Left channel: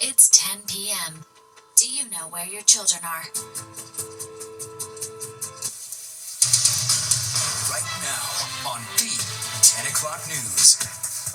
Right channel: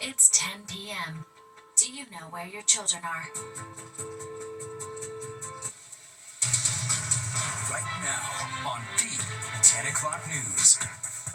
It's 10 p.m. Do you know where your children are? Right now on the 10 o'clock news.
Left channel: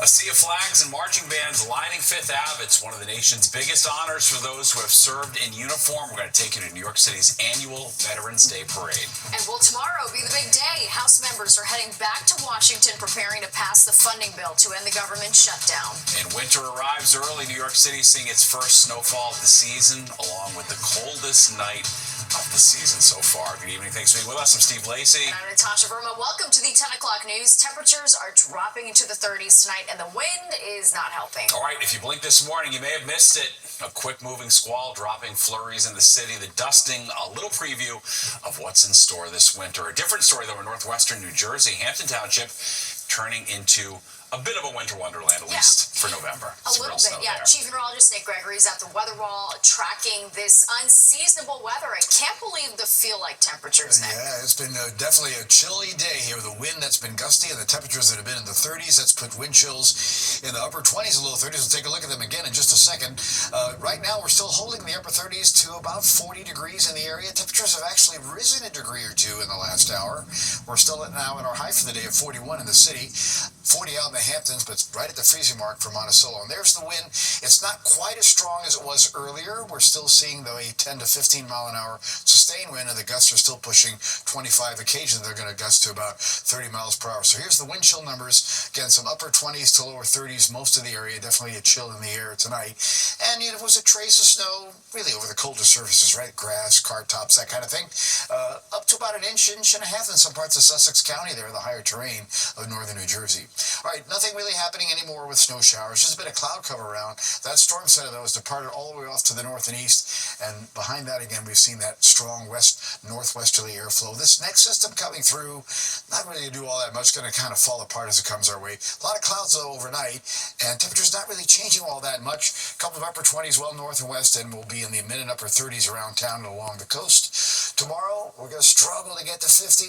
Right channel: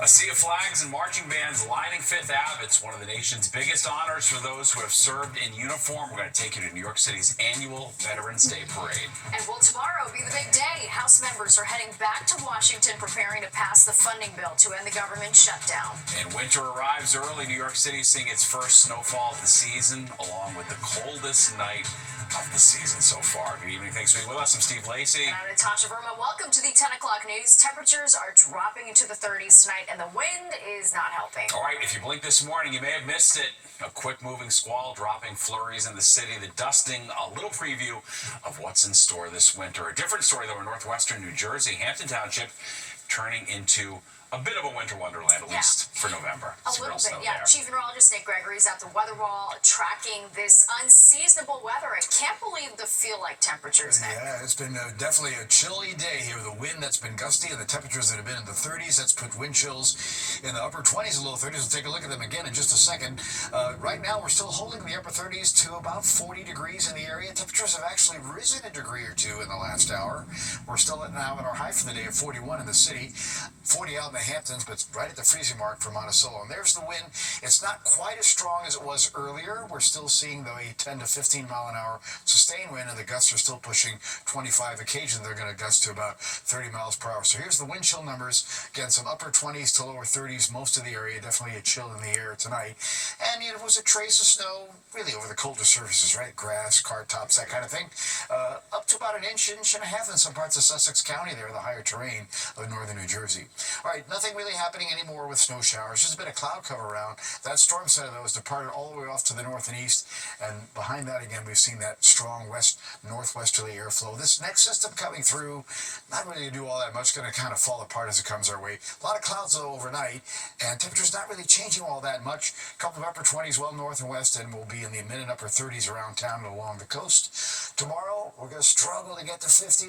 A sea of flags and marching bands lining Fifth Ave. It's one of the nation's biggest honors for those who have served in uniform. We're going to take you to New York City's annual Veterans Day Parade. And will tomorrow be the big day? House members are heading back to Washington preparing to pass the funding bill to end the government shutdown. And winter arrives early. New York City seeing its first snowfall of the season, along with the coldest night of the season so far. Good evening. Thanks for being with us. I'm Steve Lacey. And I'm Natasha Verma. Welcome to the 10 o'clock news. Temperatures are dropping into the 30s tonight, and the wind is not helping. All right, if you blinked this morning, you may have missed it. A quick-moving squall dropping flurries in the city. The dusting, a little preview of what's in store this winter. A different story, though, in northwestern New Jersey. Hampton Township turning into a bit of a winter wonderland, at least for November. A little bit, yeah. There. Chief Meteorologist Nate Gregory is at the weather wall tracking this unseasonable weather. I can't believe the feel-like temperatures, Nick. Yeah, it's been definitely a chilly day here with the wind that's been gusty and the temperatures that have been in the 30s. That's put wind chills in the upper 20s and low 30s. We'll take a look at them again in just a second. Right now, we're still holding the upper 30s to about 40 degrees in the area. Temperatures have actually risen a degree or two in the last hour. We're still now in our high for the day of 41 in the city, 40 out in the Hamptons, but it's right at the freezing mark for Monticello. And there's the wind. It's not quite as strong as it was earlier. We're still seeing, though, a 10 to 15 mile an hour sustained wind, and the gusts are still pushing 25. Occasionally, they're going to gust to about 30 miles per hour. So here's the wind chill numbers. Again, some upper 20s to lower 30s, most of the area. Definitely a chill in the air tonight. And it was a trace of snow, really over the colder surfaces, right? Grass, car tops, that kind of thing. Up to about an inch and a half in some parts of Sussex County there, the higher terrain of northern New Jersey. All right, nothing really happening anymore with snow showers. Just a bit of cloud cover around. That storm center, though, has departed all the way off to the north and east. And behind that, again, we've seen that strong northwesterly airflow. This next system coming through, not really to do all that much, going to kind of fall apart as it comes our way. A lot of clouds, though, overnight, and temperatures not really changing all that much. A couple of upper 20s well north and west, and we'll be in the mid and upper 30s around town and along the coast. Tomorrow, we're going to struggle to get to 50.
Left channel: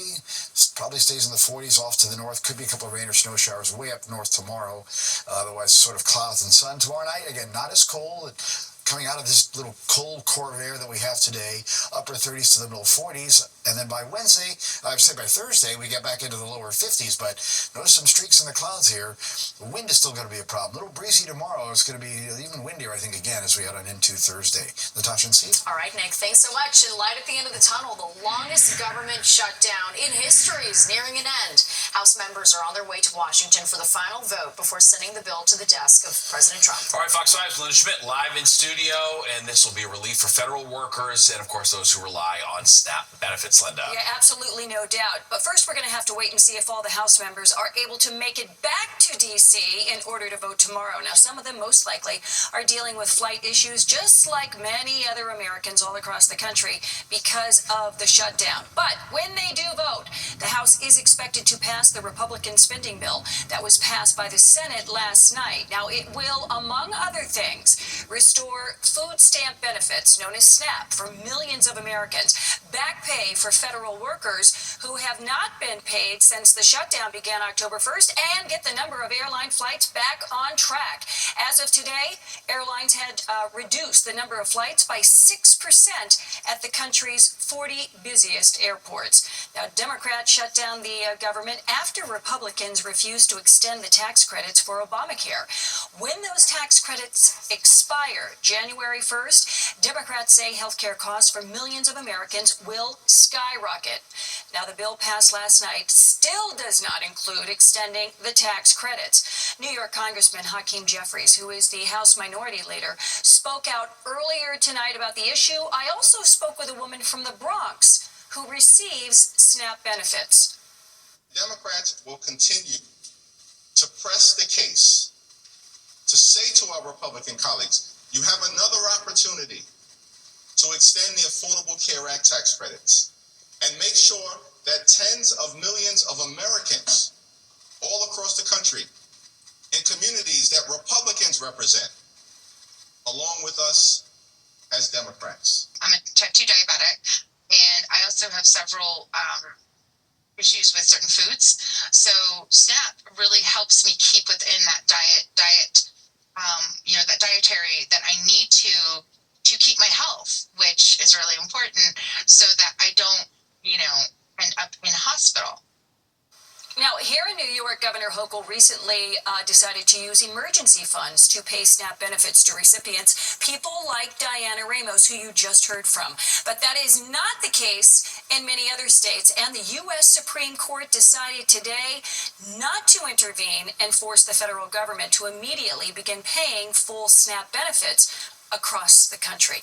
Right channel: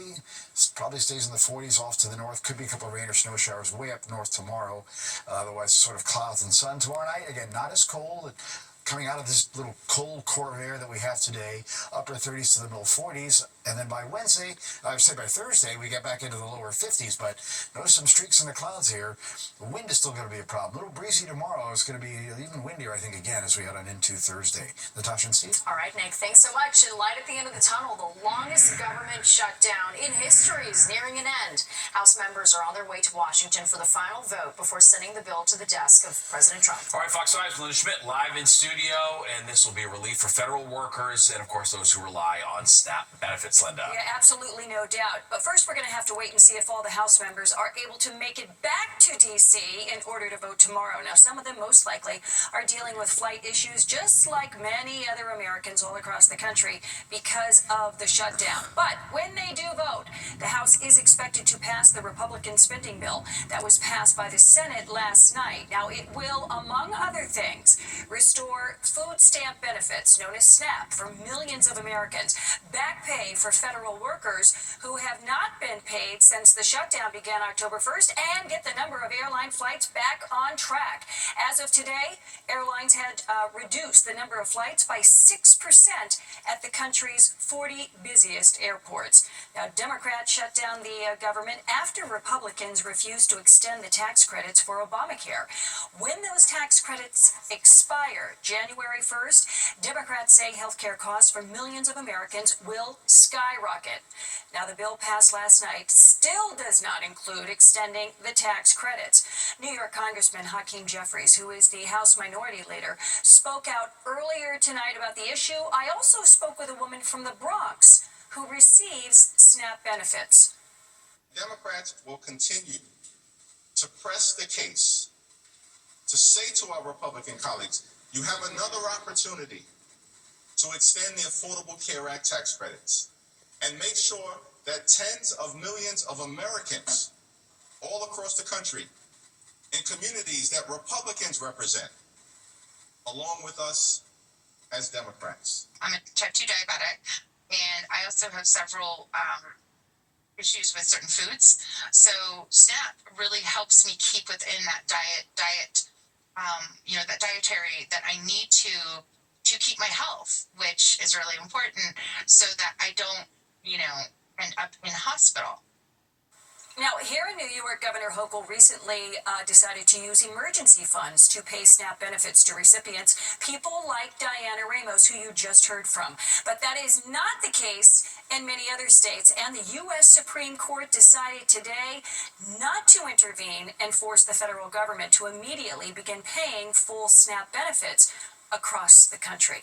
Probably stays in the 40s off to the north. Could be a couple of rain or snow showers way up north tomorrow. Otherwise, sort of clouds and sun. Tomorrow night, again, not as cold. Coming out of this little cold core of air that we have today, upper 30s to the middle 40s. And then by Wednesday, I would say by Thursday, we get back into the lower 50s. But notice some streaks in the clouds here. The wind is still going to be a problem. A little breezy tomorrow. It's going to be even windier, I think, again, as we head on into Thursday. Natasha and Steve? All right, Nick, thanks so much. And light at the end of the tunnel, the longest government shutdown in history is nearing an end. House members are on their way to Washington for the final vote before sending the bill to the desk of President Trump. All right, Fox 5's Linda Schmidt live in studio, and this will be a relief for federal workers and, of course, those who rely on SNAP benefits. Linda. Yeah, absolutely, no doubt. But first, we're going to have to wait and see if all the House members are able to make it back to D.C. in order to vote tomorrow. Now, some of them, most likely, are dealing with flight issues, just like many other Americans all across the country, because of the shutdown. But when they do vote, the House is expected to pass the Republican spending bill that was passed by the Senate last night. Now, it will, among other things, restore food stamp benefits, known as SNAP, for millions of Americans, back pay for federal workers who have not been paid since the shutdown began October 1st, and get the number of airline flights back on track. As of today, airlines had reduced the number of flights by 6% at the country's 40 busiest airports. Now, Democrats shut down the government after Republicans refused to extend the tax credits for Obamacare. When those tax credits expire January 1st, Democrats say health care costs for millions of Americans will skyrocket. Now, the bill passed last night still does not include extending the tax credits. New York Congressman Hakeem Jeffries, who is the House Minority Leader, spoke out earlier tonight about the issue. I also spoke with a woman from the Bronx who receives SNAP benefits. Democrats will continue to press the case to say to our Republican colleagues, you have another opportunity to extend the Affordable Care Act tax credits and make sure that tens of millions of Americans all across the country in communities that Republicans represent, along with us as Democrats. I'm a type 2 diabetic, and I also have several issues with certain foods. So SNAP really helps me keep within that diet, that dietary that I need to is really important so that I don't, end up in hospital. Now, here in New York, Governor Hochul recently decided to use emergency funds to pay SNAP benefits to recipients, people like Diana Ramos, who you just heard from. But that is not the case in many other states, and the U.S. Supreme Court decided today not to intervene and force the federal government to immediately begin paying full SNAP benefits across the country.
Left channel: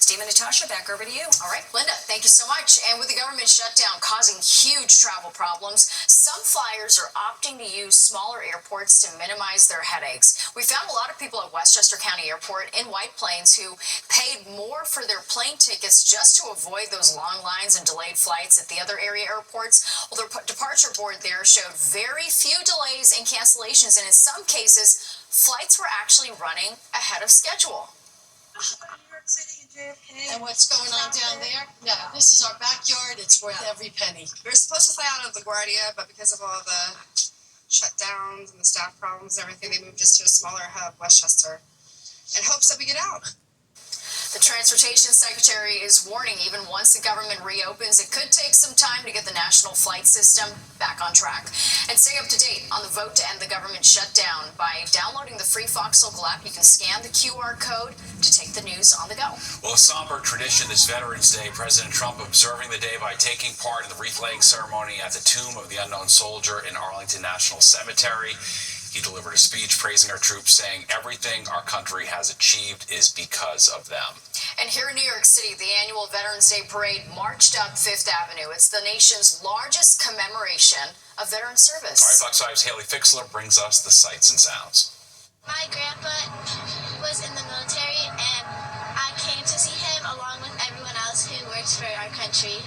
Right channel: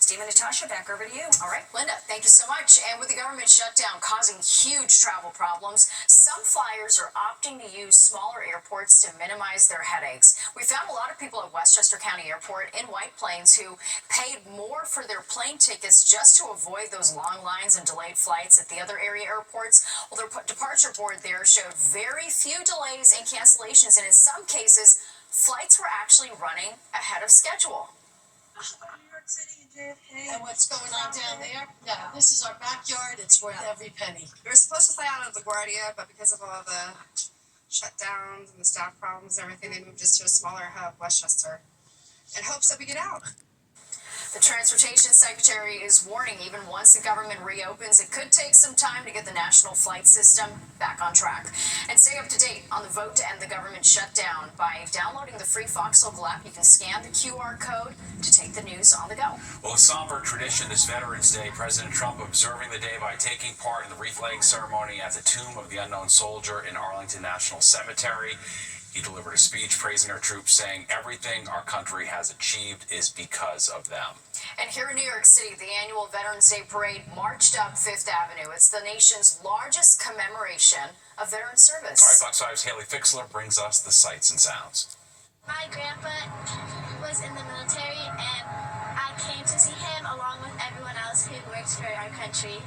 Steve and Natasha, back over to you. All right, Linda, thank you so much. And with the government shutdown causing huge travel problems, some flyers are opting to use smaller airports to minimize their headaches. We found a lot of people at Westchester County Airport in White Plains who paid more for their plane tickets just to avoid those long lines and delayed flights at the other area airports. Well, the departure board there showed very few delays and cancellations, and in some cases, flights were actually running ahead of schedule. And what's going on down there? No, this is our backyard. It's worth every penny. We were supposed to fly out of LaGuardia, but because of all the shutdowns and the staff problems and everything, they moved us to a smaller hub, Westchester, in hopes that we get out. The Transportation Secretary is warning even once the government reopens, it could take some time to get the national flight system back on track. And stay up to date on the vote to end the government shutdown by downloading the free Fox Local app. You can scan the QR code to take the news on the go. Well, a somber tradition this Veterans Day, President Trump observing the day by taking part in the wreath-laying ceremony at the Tomb of the Unknown Soldier in Arlington National Cemetery. He delivered a speech praising our troops, saying everything our country has achieved is because of them. And here in New York City, the annual Veterans Day Parade marched up Fifth Avenue. It's the nation's largest commemoration of veteran service. All right, Fox 5's Haley Fixler brings us the sights and sounds. My grandpa was in the military, and I came to see him along with everyone else who works for our country.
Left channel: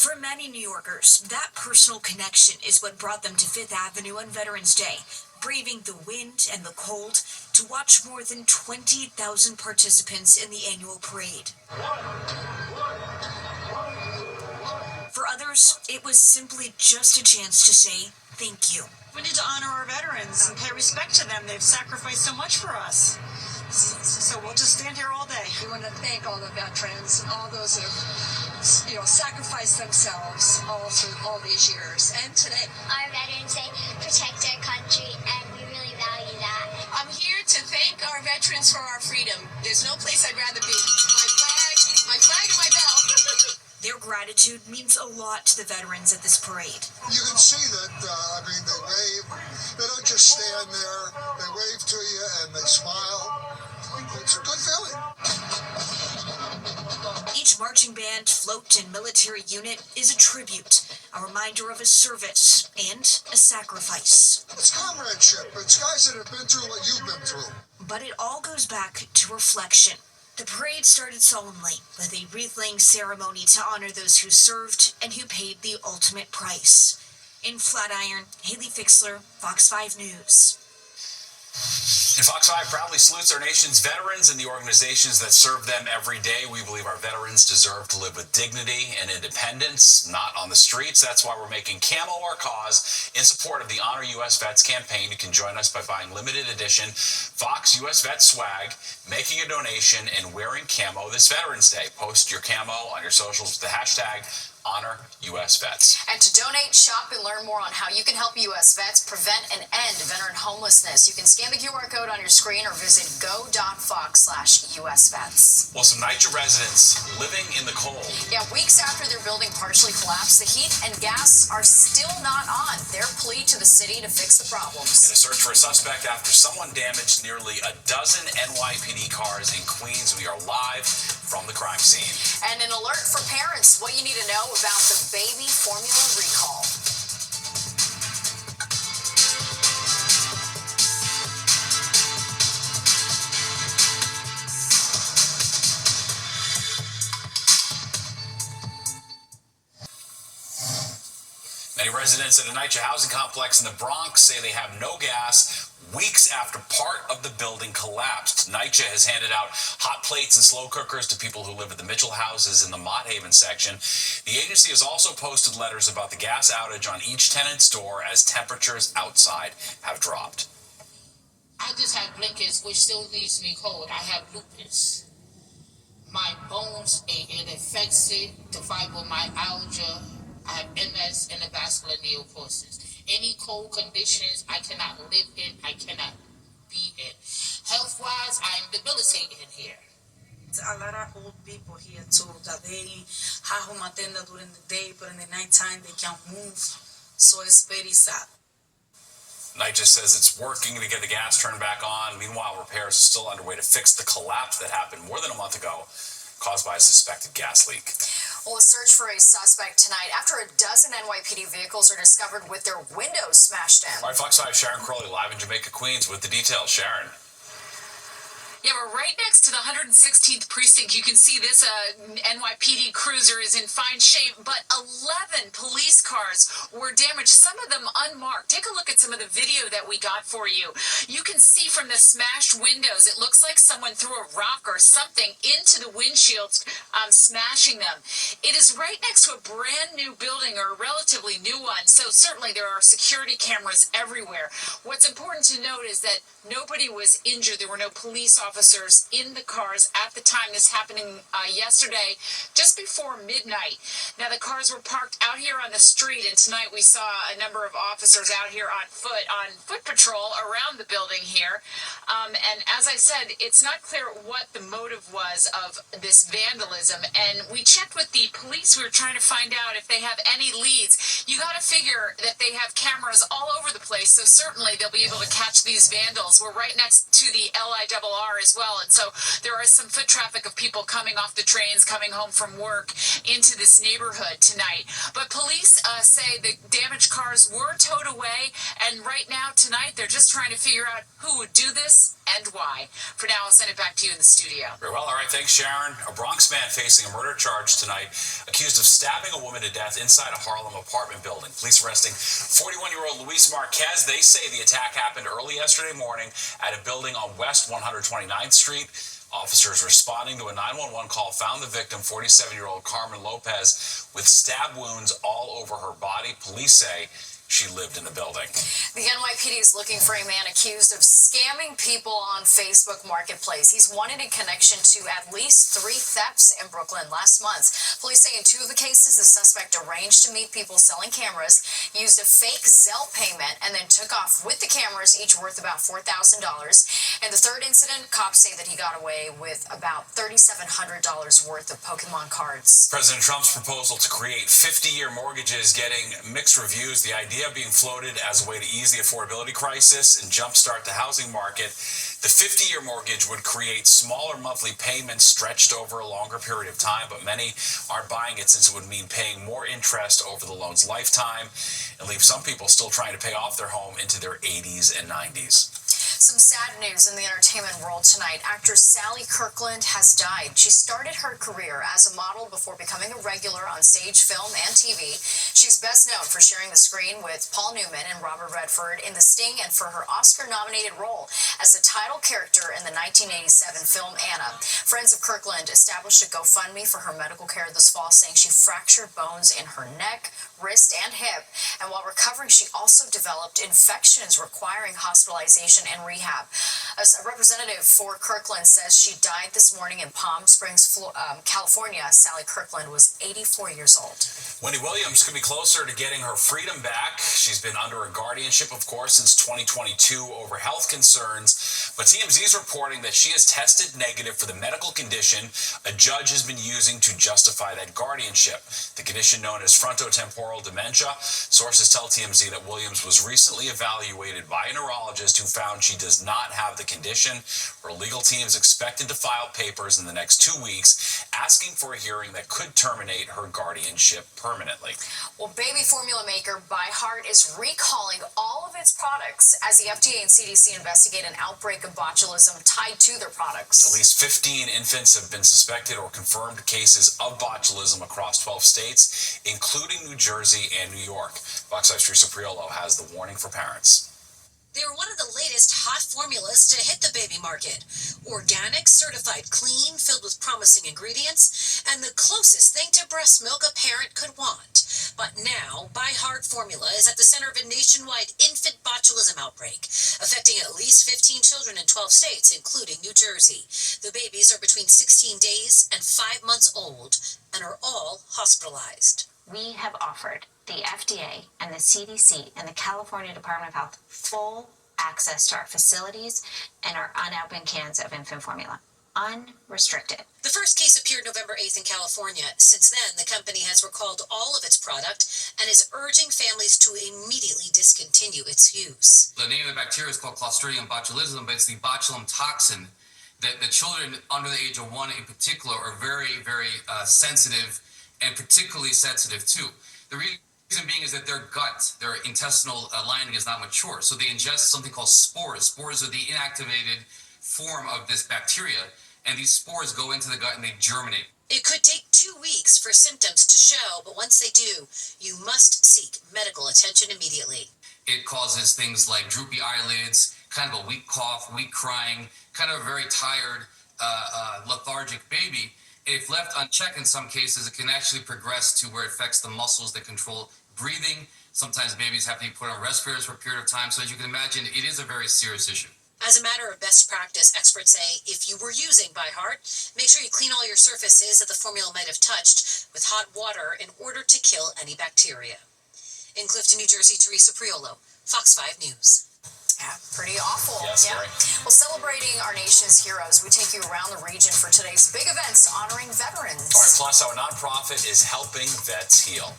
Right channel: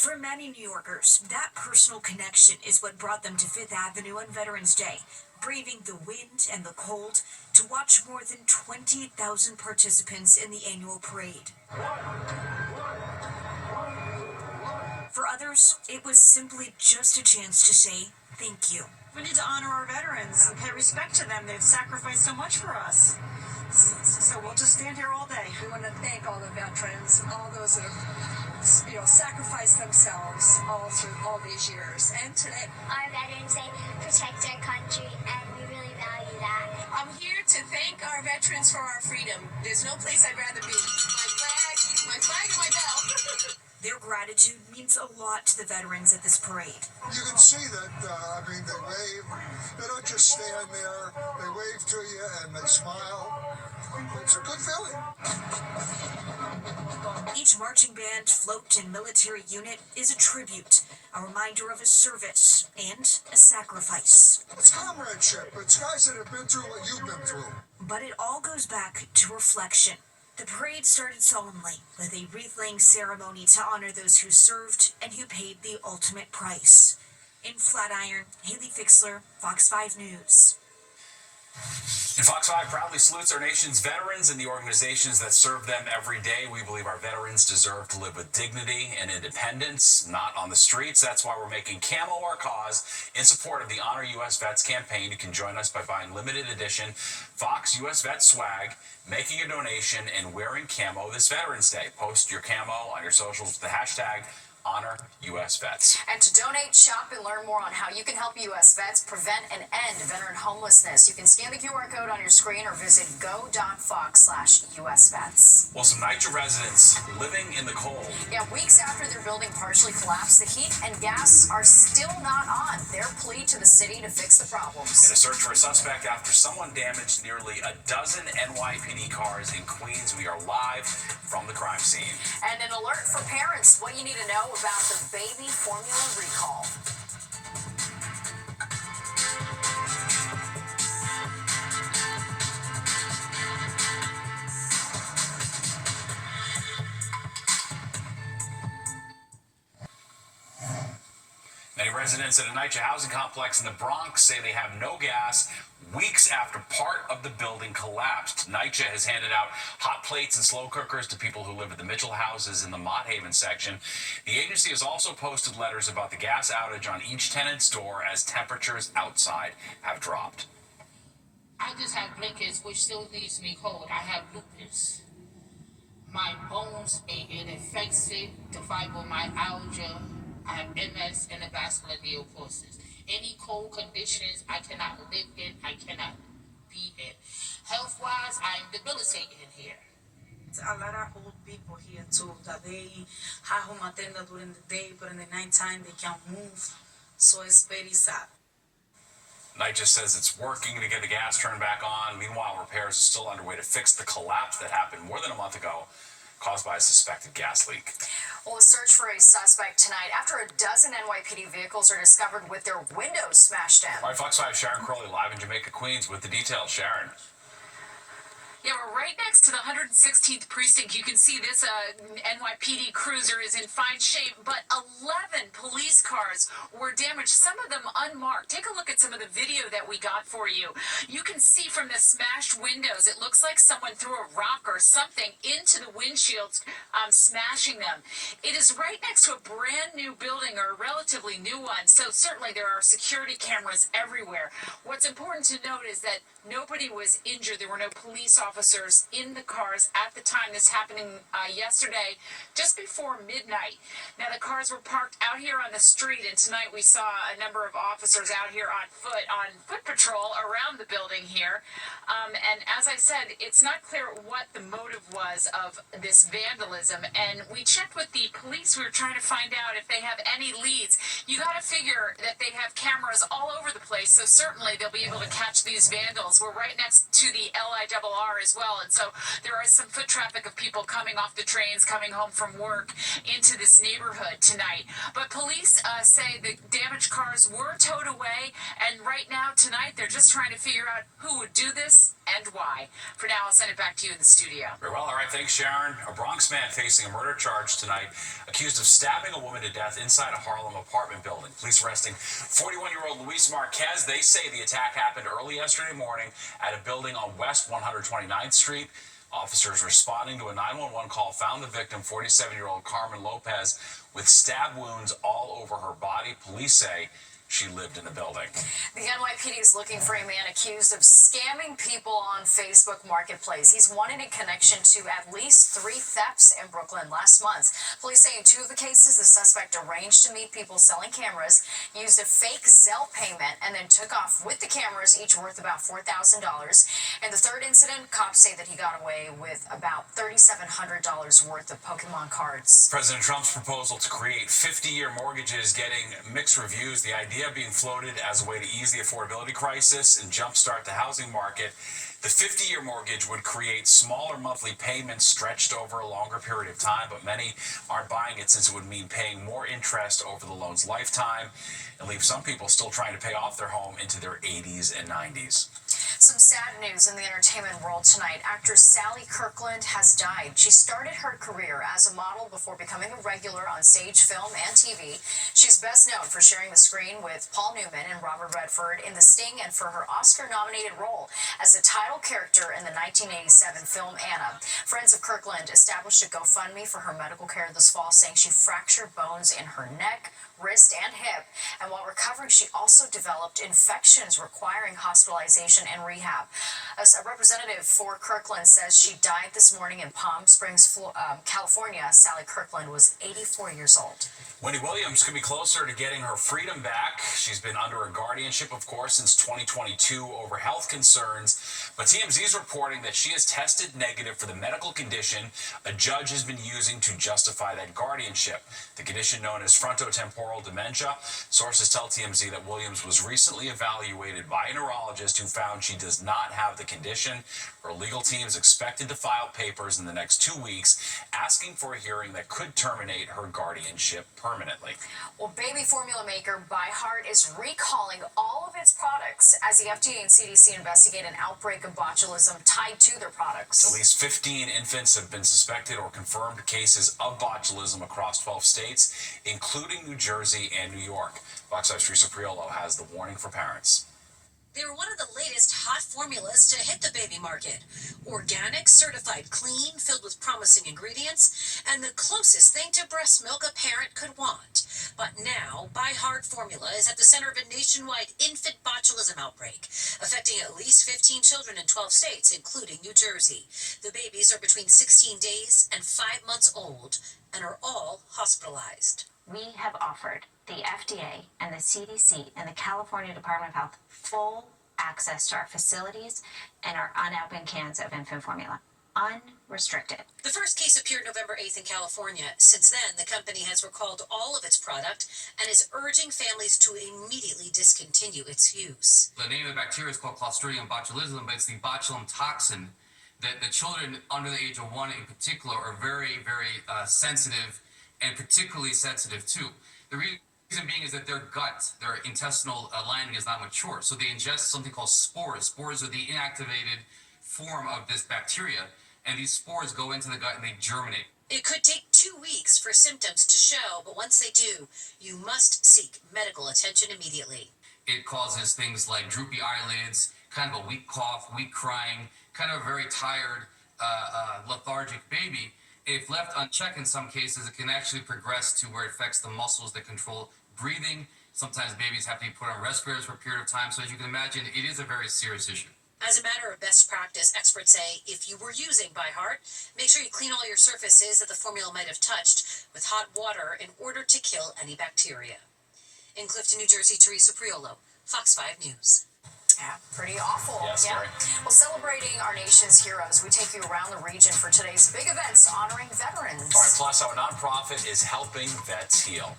For many New Yorkers, that personal connection is what brought them to Fifth Avenue on Veterans Day, braving the wind and the cold to watch more than 20,000 participants in the annual parade. For others, it was simply just a chance to say thank you. We need to honor our veterans and pay respect to them. They've sacrificed so much for us. So we'll just stand here all day. We want to thank all the veterans, all those who sacrificed themselves all through all these years. And today, Our Veterans Day protect our country, and we really value that. I'm here to thank our veterans for our freedom. There's no place I'd rather be. My flag and my belt. Their gratitude means a lot to the veterans at this parade. You can see that, they wave. They don't just stand there. They wave to you and they smile. It's a good feeling. Each marching band, float, and military unit is a tribute, a reminder of a service and a sacrifice. It's comradeship. It's guys that have been through what you've been through. But it all goes back to reflection. The parade started solemnly with a wreath-laying ceremony to honor those who served and who paid the ultimate price. In Flatiron, Haley Fixler, Fox 5 News. And Fox 5 proudly salutes our nation's veterans and the organizations that serve them every day. We believe our veterans deserve to live with dignity and independence, not on the streets. That's why we're making Camo our cause in support of the Honor U.S. Vets campaign. You can join us by buying limited edition Fox U.S. Vet swag, making a donation, and wearing camo this Veterans Day. Post your camo on your socials with the hashtag Honor U.S. Vets. And to donate, shop, and learn more on how you can help U.S. vets prevent and end veteran homelessness, you can scan the QR code on your screen or visit go.fox/USVets. Well, some NYCHA residents living in the cold. Yeah, weeks after their building partially collapsed, the heat and gas are still not on. Their plea to the city to fix the problems. In a search for a suspect after someone damaged nearly a dozen NYPD cars in Queens, we are live from the crime scene. And an alert for parents, what you need to know about the baby formula recall. Many residents at a NYCHA housing complex in the Bronx say they have no gas weeks after part of the building collapsed. NYCHA has handed out hot plates and slow cookers to people who live at the Mitchell houses in the Mott Haven section. The agency has also posted letters about the gas outage on each tenant's door as temperatures outside have dropped. I just have blankets, which still leaves me cold. I have lupus. My bones, it affects it, the fibromyalgia. I have MS and the vascular neoporosis. Any cold conditions I cannot live in, I cannot be in. Health-wise, I am debilitated in here. A lot of old people here too, that they have home attendant during the day, but in the nighttime they can't move. So it's very sad. Knight just says it's working to get the gas turned back on. Meanwhile, repairs are still underway to fix the collapse that happened more than a month ago, caused by a suspected gas leak. Well, a search for a suspect tonight after a dozen NYPD vehicles are discovered with their windows smashed in. All right, Fox 5 Sharon Crowley live in Jamaica, Queens with the details. Sharon. Yeah, we're right next to the 116th precinct. You can see this NYPD cruiser is in fine shape, but 11 police cars were damaged, some of them unmarked. Take a look at some of the video that we got for you. You can see from the smashed windows, it looks like someone threw a rock or something into the windshields, smashing them. It is right next to a brand new building, or a relatively new one, so certainly there are security cameras everywhere. What's important to note is that nobody was injured. There were no police officers in the cars at the time. This happening yesterday, just before midnight. Now, the cars were parked out here on the street, and tonight we saw a number of officers out here on foot patrol around the building here. And as I said, it's not clear what the motive was of this vandalism. And we checked with the police. We were trying to find out if they have any leads. You got to figure that they have cameras all over the place, so certainly they'll be able to catch these vandals. We're right next to the LIRR as well, and so there are some foot traffic of people coming off the trains, coming home from work into this neighborhood tonight. But police say the damaged cars were towed away, and right now, tonight, they're just trying to figure out who would do this and why. For now, I'll send it back to you in the studio. Very well. All right. Thanks, Sharon. A Bronx man facing a murder charge tonight, accused of stabbing a woman to death inside a Harlem apartment building. Police arresting 41-year-old Luis Marquez. They say the attack happened early yesterday morning at a building on West 129th Street. Officers responding to a 911 call found the victim, 47-year-old Carmen Lopez, with stab wounds all over her body. Police say she lived in the building. The NYPD is looking for a man accused of scamming people on Facebook Marketplace. He's wanted in connection to at least 3 thefts in Brooklyn last month. Police say in 2 of the cases, the suspect arranged to meet people selling cameras, used a fake Zelle payment, and then took off with the cameras, each worth about $4,000. In the 3rd incident, cops say that he got away with about $3,700 worth of Pokemon cards. President Trump's proposal to create 50-year mortgages getting mixed reviews. The idea being floated as a way to ease the affordability crisis and jumpstart the housing market. The 50-year mortgage would create smaller monthly payments stretched over a longer period of time, but many aren't buying it since it would mean paying more interest over the loan's lifetime and leave some people still trying to pay off their home into their 80s and 90s. Some sad news in the entertainment world tonight. Actress Sally Kirkland has died. She started her career as a model before becoming a regular on stage, film, and TV. She's best known for sharing the screen with Paul Newman and Robert Redford in The Sting, and for her Oscar-nominated role as the title character in the 1987 film Anna. Friends of Kirkland established a GoFundMe for her medical care this fall, saying she fractured bones in her neck, wrist, and hip. And while recovering, she also developed infections requiring hospitalization and rehab. As a representative for Kirkland says she died this morning in Palm Springs, California. Sally Kirkland was 84 years old. Wendy Williams could be closer to getting her freedom back. She's been under a guardianship, of course, since 2022 over health concerns. But TMZ is reporting that she has tested negative for the medical condition a judge has been using to justify that guardianship. The condition known as frontotemporal dementia. Sources tell TMZ that Williams was recently evaluated by a neurologist who found she does not have the condition. Her legal team is expected to file papers in the next 2 weeks asking for a hearing that could terminate her guardianship permanently. Well, baby formula maker ByHeart is recalling all of its products as the FDA and CDC investigate an outbreak of botulism tied to their products. At least 15 infants have been suspected or confirmed cases of botulism across 12 states, including New Jersey and New York. Fox 5's Teresa Priolo has the warning for parents. They're one of the latest hot formulas to hit the baby market. Organic, certified clean, filled with promising ingredients, and the closest thing to breast milk a parent could want. But now, ByHeart formula is at the center of a nationwide infant botulism outbreak, affecting at least 15 children in 12 states, including New Jersey. The babies are between 16 days and 5 months old and are all hospitalized. We have offered the FDA and the CDC and the California Department of Health full access to our facilities and our unopened cans of infant formula. Unrestricted. The first case appeared November 8th in California. Since then, the company has recalled all of its product and is urging families to immediately discontinue its use. The name of the bacteria is called Clostridium botulism, but it's the botulinum toxin that the children under the age of 1 in particular are very, very sensitive and particularly sensitive to. The reason being is that their gut, their intestinal lining is not mature. So they ingest something called spores. Spores are the inactivated form of this bacteria, and these spores go into the gut and they germinate. It could take 2 weeks for symptoms to show, but once they do, you must seek medical attention immediately. It causes things like droopy eyelids, kind of a weak cough, weak crying, kind of a very tired, lethargic baby. If left unchecked in some cases, it can actually progress to where it affects the muscles that control breathing. Sometimes babies have to be put on respirators for a period of time. So as you can imagine, it is a very serious issue. As a matter of best practice, experts say if you were using ByHeart, make sure you clean all your surfaces that the formula might have touched with hot water in order to kill any bacteria. In Clifton, New Jersey, Teresa Priolo, Fox 5 News. Yeah, pretty awful. Yes, yeah. very. Well, celebrating our nation's heroes, we take you around the region for today's big events honoring veterans. All right, plus our nonprofit is helping vets heal.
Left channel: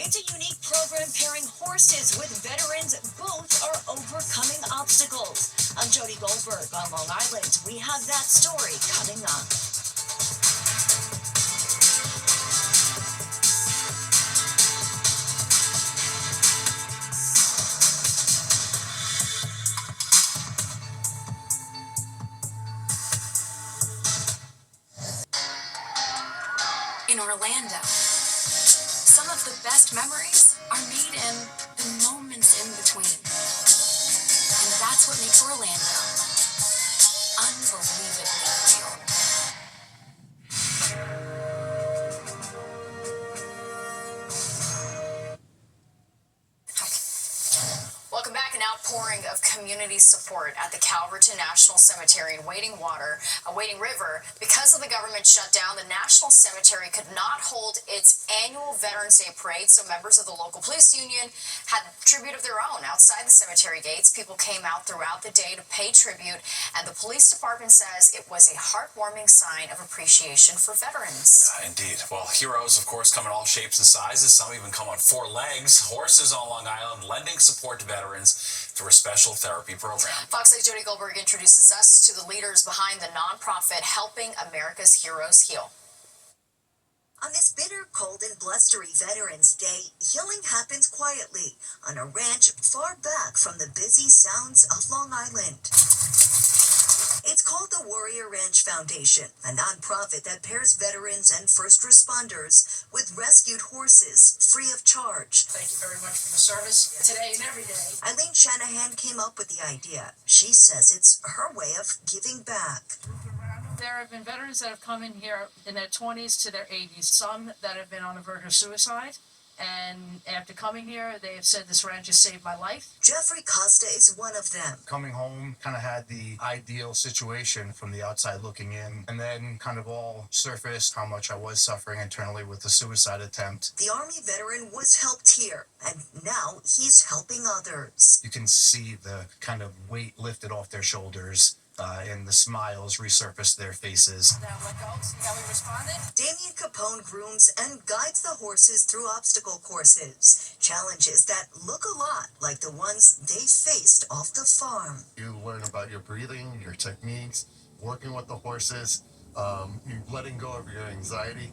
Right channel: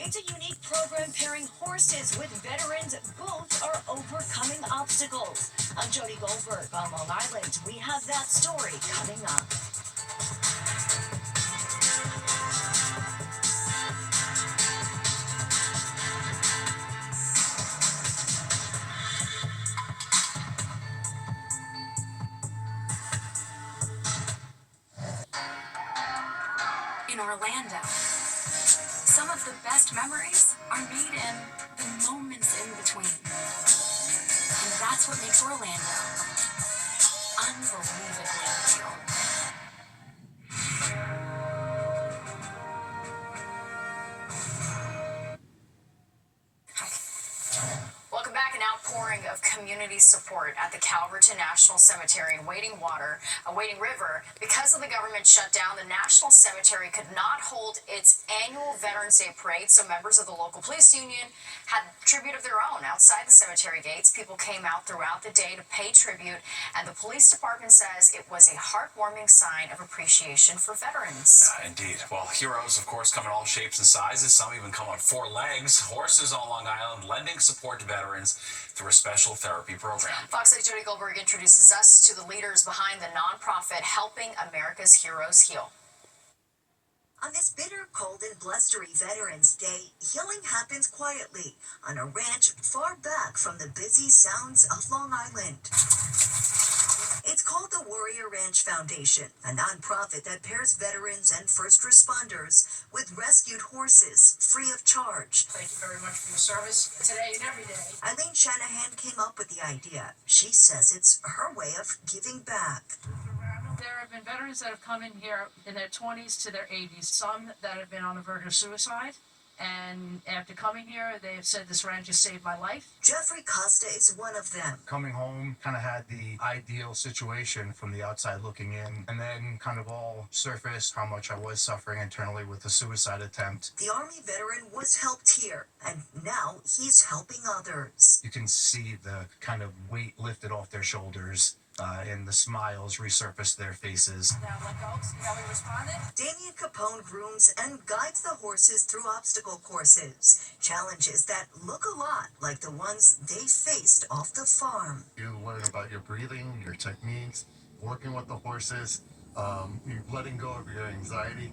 It's a unique program pairing horses with veterans. Both are overcoming obstacles. I'm Jody Goldberg on Long Island. We have that story coming up. In Orlando, some of the best memories are made in the moments in between. And that's what makes Orlando unbelievably real. Welcome back. An outpouring of community support at the Calverton National Cemetery in Wading River. Because of the government shutdown, the National Cemetery could not hold its annual Veterans Day parade, so members of the local police union had tribute of their own outside the cemetery gates. People came out throughout the day to pay tribute, and the police department says it was a heartwarming sign of appreciation for veterans. Indeed. Well, heroes, of course, come in all shapes and sizes. Some even come on 4 legs. Horses on Long Island lending support to veterans through a special therapy program. Fox 8's Jody Goldberg introduces us to the leaders behind the nonprofit Helping America's Heroes Heal. On this bitter, cold, and blustery Veterans Day, healing happens quietly on a ranch far back from the busy sounds of Long Island. It's called the Warrior Ranch Foundation, a nonprofit that pairs veterans and first responders with rescued horses free of charge. Thank you very much for your service today and every day. Eileen Shanahan came up with the idea. She says it's her way of giving back. There have been veterans that have come in here in their 20s to their 80s, some that have been on the verge of suicide. And after coming here, they have said this ranch has saved my life. Jeffrey Costa is one of them. Coming home, kind of had the ideal situation from the outside looking in, and then kind of all surfaced how much I was suffering internally with the suicide attempt. The Army veteran was helped here, and now he's helping others. You can see the kind of weight lifted off their shoulders. And the smiles resurfaced their faces. Now let go, see how we responded? Damian Capone grooms and guides the horses through obstacle courses, challenges that look a lot like the ones they faced off the farm. You learn about your breathing, your techniques, working with the horses, you letting go of your anxiety.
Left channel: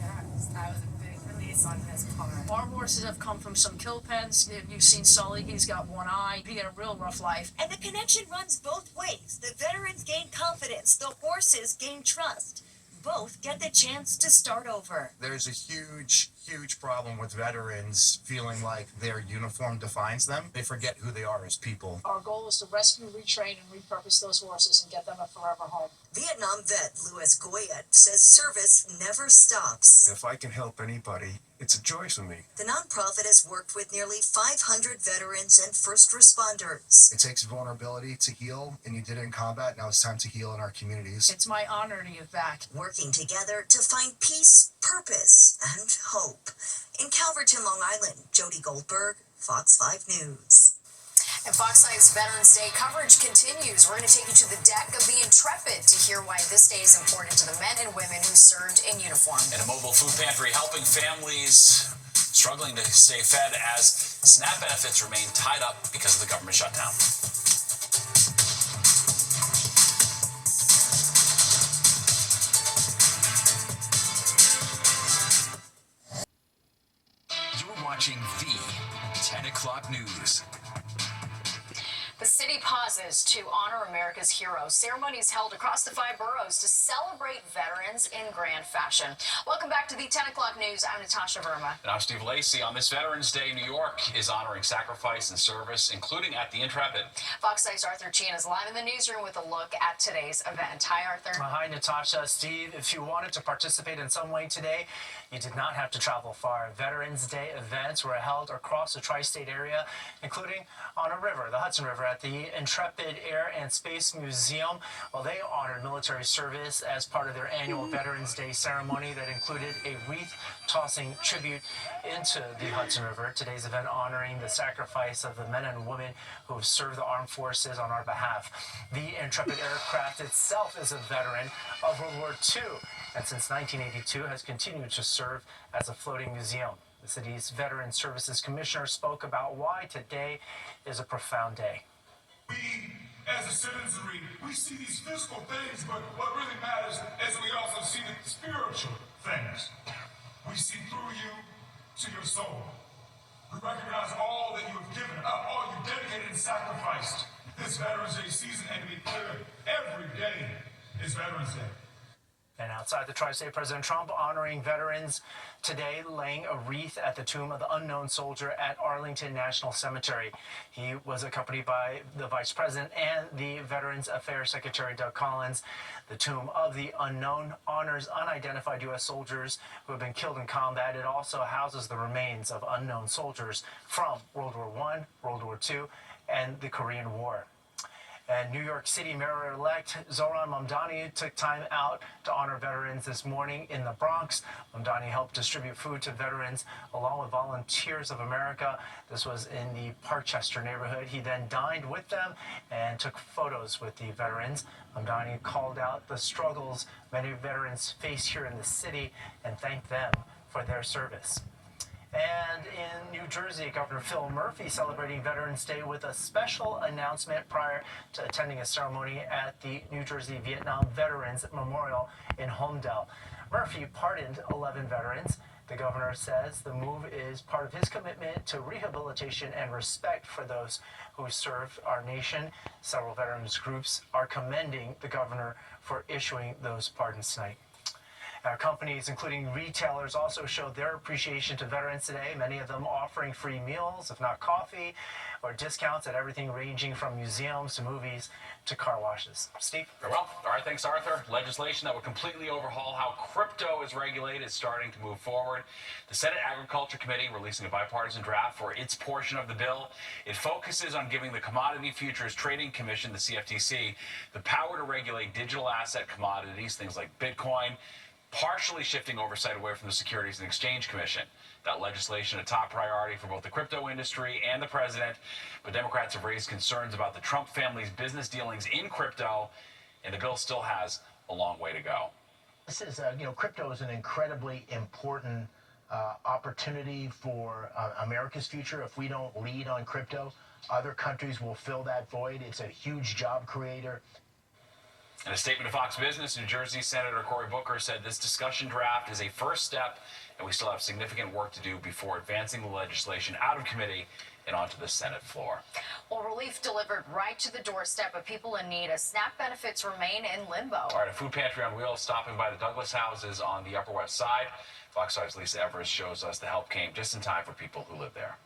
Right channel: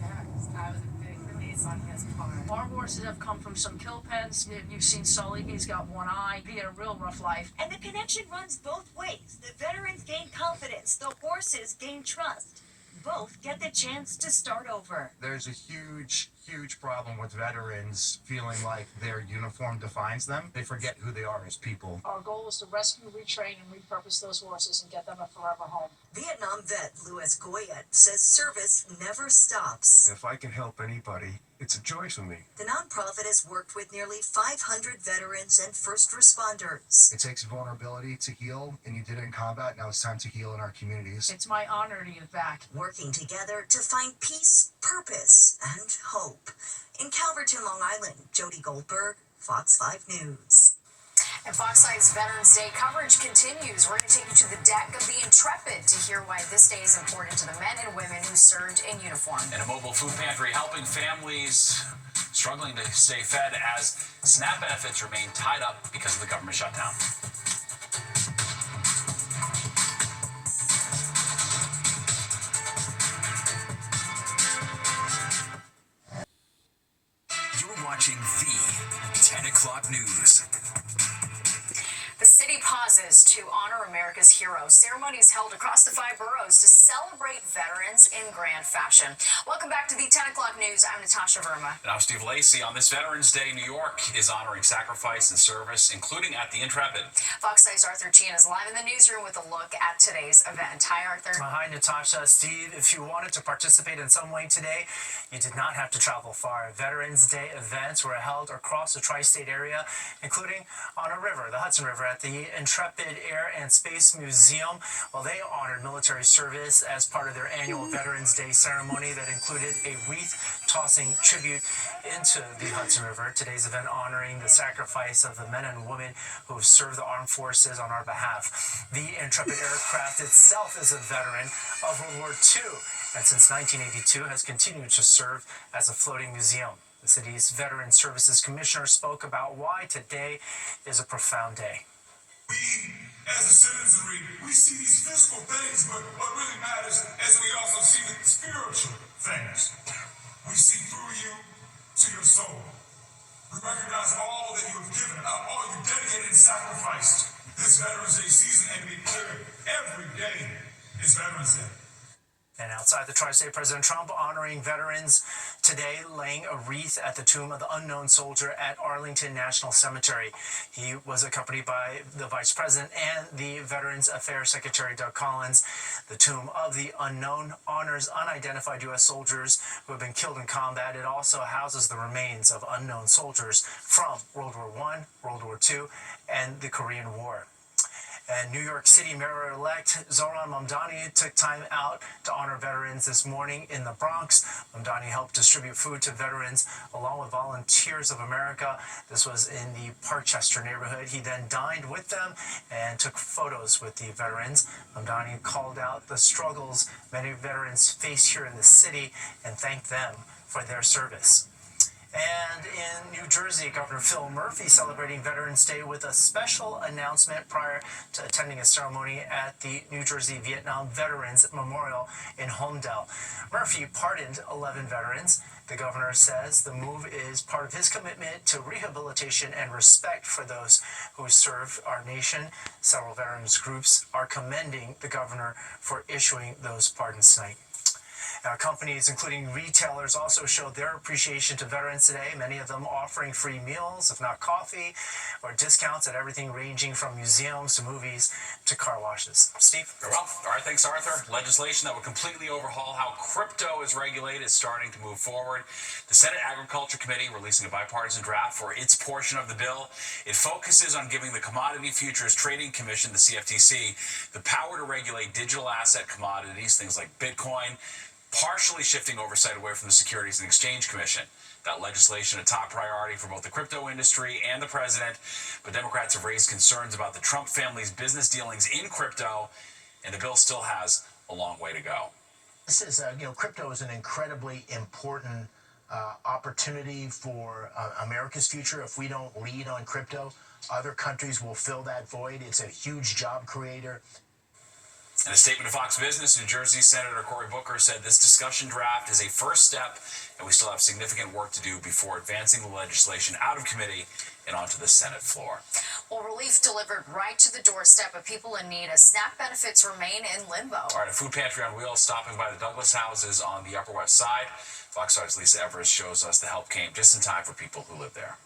That was a big release on his part. Our horses have come from some kill pens. You've seen Sully, he's got one eye. He had a real rough life. And the connection runs both ways. The veterans gain confidence, the horses gain trust. both get the chance to start over. There's a huge problem with veterans feeling like their uniform defines them. They forget who they are as people. Our goal is to rescue, retrain, and repurpose those horses and get them a forever home. Vietnam vet Louis Goyette says service never stops. If I can help anybody, it's a joy for me. The nonprofit has worked with nearly 500 veterans and first responders. It takes vulnerability to heal, and you did it in combat. Now it's time to heal in our communities. It's my honor to give back. Working together to find peace, purpose, and hope. In Calverton, Long Island, Jody Goldberg, Fox 5 News. And Fox 5's Veterans Day coverage continues. We're going to take you to the deck of the Intrepid to hear why this day is important to the men and women who served in uniform. And a mobile food pantry helping families struggling to stay fed as SNAP benefits remain tied up because of the government shutdown. You're watching the 10 o'clock news. The city pauses to honor America's heroes. Ceremonies held across the 5 boroughs to celebrate veterans in grand fashion. Welcome back to the 10 o'clock news. I'm Natasha Verma. And I'm Steve Lacey. On this Veterans Day, New York is honoring sacrifice and service, including at the Intrepid. Fox 5's Arthur Chien is live in the newsroom with a look at today's event. Hi, Arthur. Hi, Natasha. Steve, if you wanted to participate in some way today, you did not have to travel far. Veterans Day events were held across the tri-state area, including on a river, the Hudson River, at the Intrepid Air and Space Museum. Well, they honored military service as part of their annual Veterans Day ceremony that included a wreath-tossing tribute into the Hudson River. Today's event honoring the sacrifice of the men and women who have served the armed forces on our behalf. The Intrepid aircraft itself is a veteran of World War II, and since 1982 has continued to serve as a floating museum. The city's Veteran Services Commissioner spoke about why today is a profound day. We, as a citizenry, we see these physical things, but what really matters is we also see the spiritual things. We see through you to your soul. We recognize all that you have given up, all you dedicated and sacrificed this Veterans Day season, and to be clear, every day is Veterans Day. And outside the tri-state, President Trump honoring veterans today, laying a wreath at the tomb of the unknown soldier at Arlington National Cemetery. He was accompanied by the Vice President and the Veterans Affairs Secretary Doug Collins. The tomb of the unknown honors unidentified U.S. soldiers who have been killed in combat. It also houses the remains of unknown soldiers from World War I, World War II, and the Korean War. And New York City Mayor-elect Zohran Mamdani took time out to honor veterans this morning in the Bronx. Mamdani helped distribute food to veterans along with Volunteers of America. This was in the Parkchester neighborhood. He then dined with them and took photos with the veterans. Mamdani called out the struggles many veterans face here in the city and thanked them for their service. And in New Jersey, Governor Phil Murphy celebrating Veterans Day with a special announcement prior to attending a ceremony at the New Jersey Vietnam Veterans Memorial in Holmdel. Murphy pardoned 11 veterans. The governor says the move is part of his commitment to rehabilitation and respect for those who serve our nation. Several veterans groups are commending the governor for issuing those pardons tonight. Now, companies, including retailers, also showed their appreciation to veterans today, many of them offering free meals, if not coffee, or discounts at everything ranging from museums to movies to car washes. Steve? Very well. All right, thanks, Arthur. Legislation that would completely overhaul how crypto is regulated is starting to move forward. The Senate Agriculture Committee releasing a bipartisan draft for its portion of the bill. It focuses on giving the Commodity Futures Trading Commission, the CFTC, the power to regulate digital asset commodities, things like Bitcoin, partially shifting oversight away from the Securities and Exchange Commission. That legislation a top priority for both the crypto industry and the president, but Democrats have raised concerns about the Trump family's business dealings in crypto, and the bill still has a long way to go. This is, crypto is an incredibly important opportunity for America's future. If we don't lead on crypto, other countries will fill that void. It's a huge job creator. In a statement to Fox Business, New Jersey Senator Cory Booker said this discussion draft is a first step, and we still have significant work to do before advancing the legislation out of committee and onto the Senate floor. Well, relief delivered right to the doorstep of people in need as SNAP benefits remain in limbo. All right, a food pantry on wheels stopping by the Douglas houses on the Upper West Side. Fox 5's Lisa Everest shows us the help came just in time for people who live there.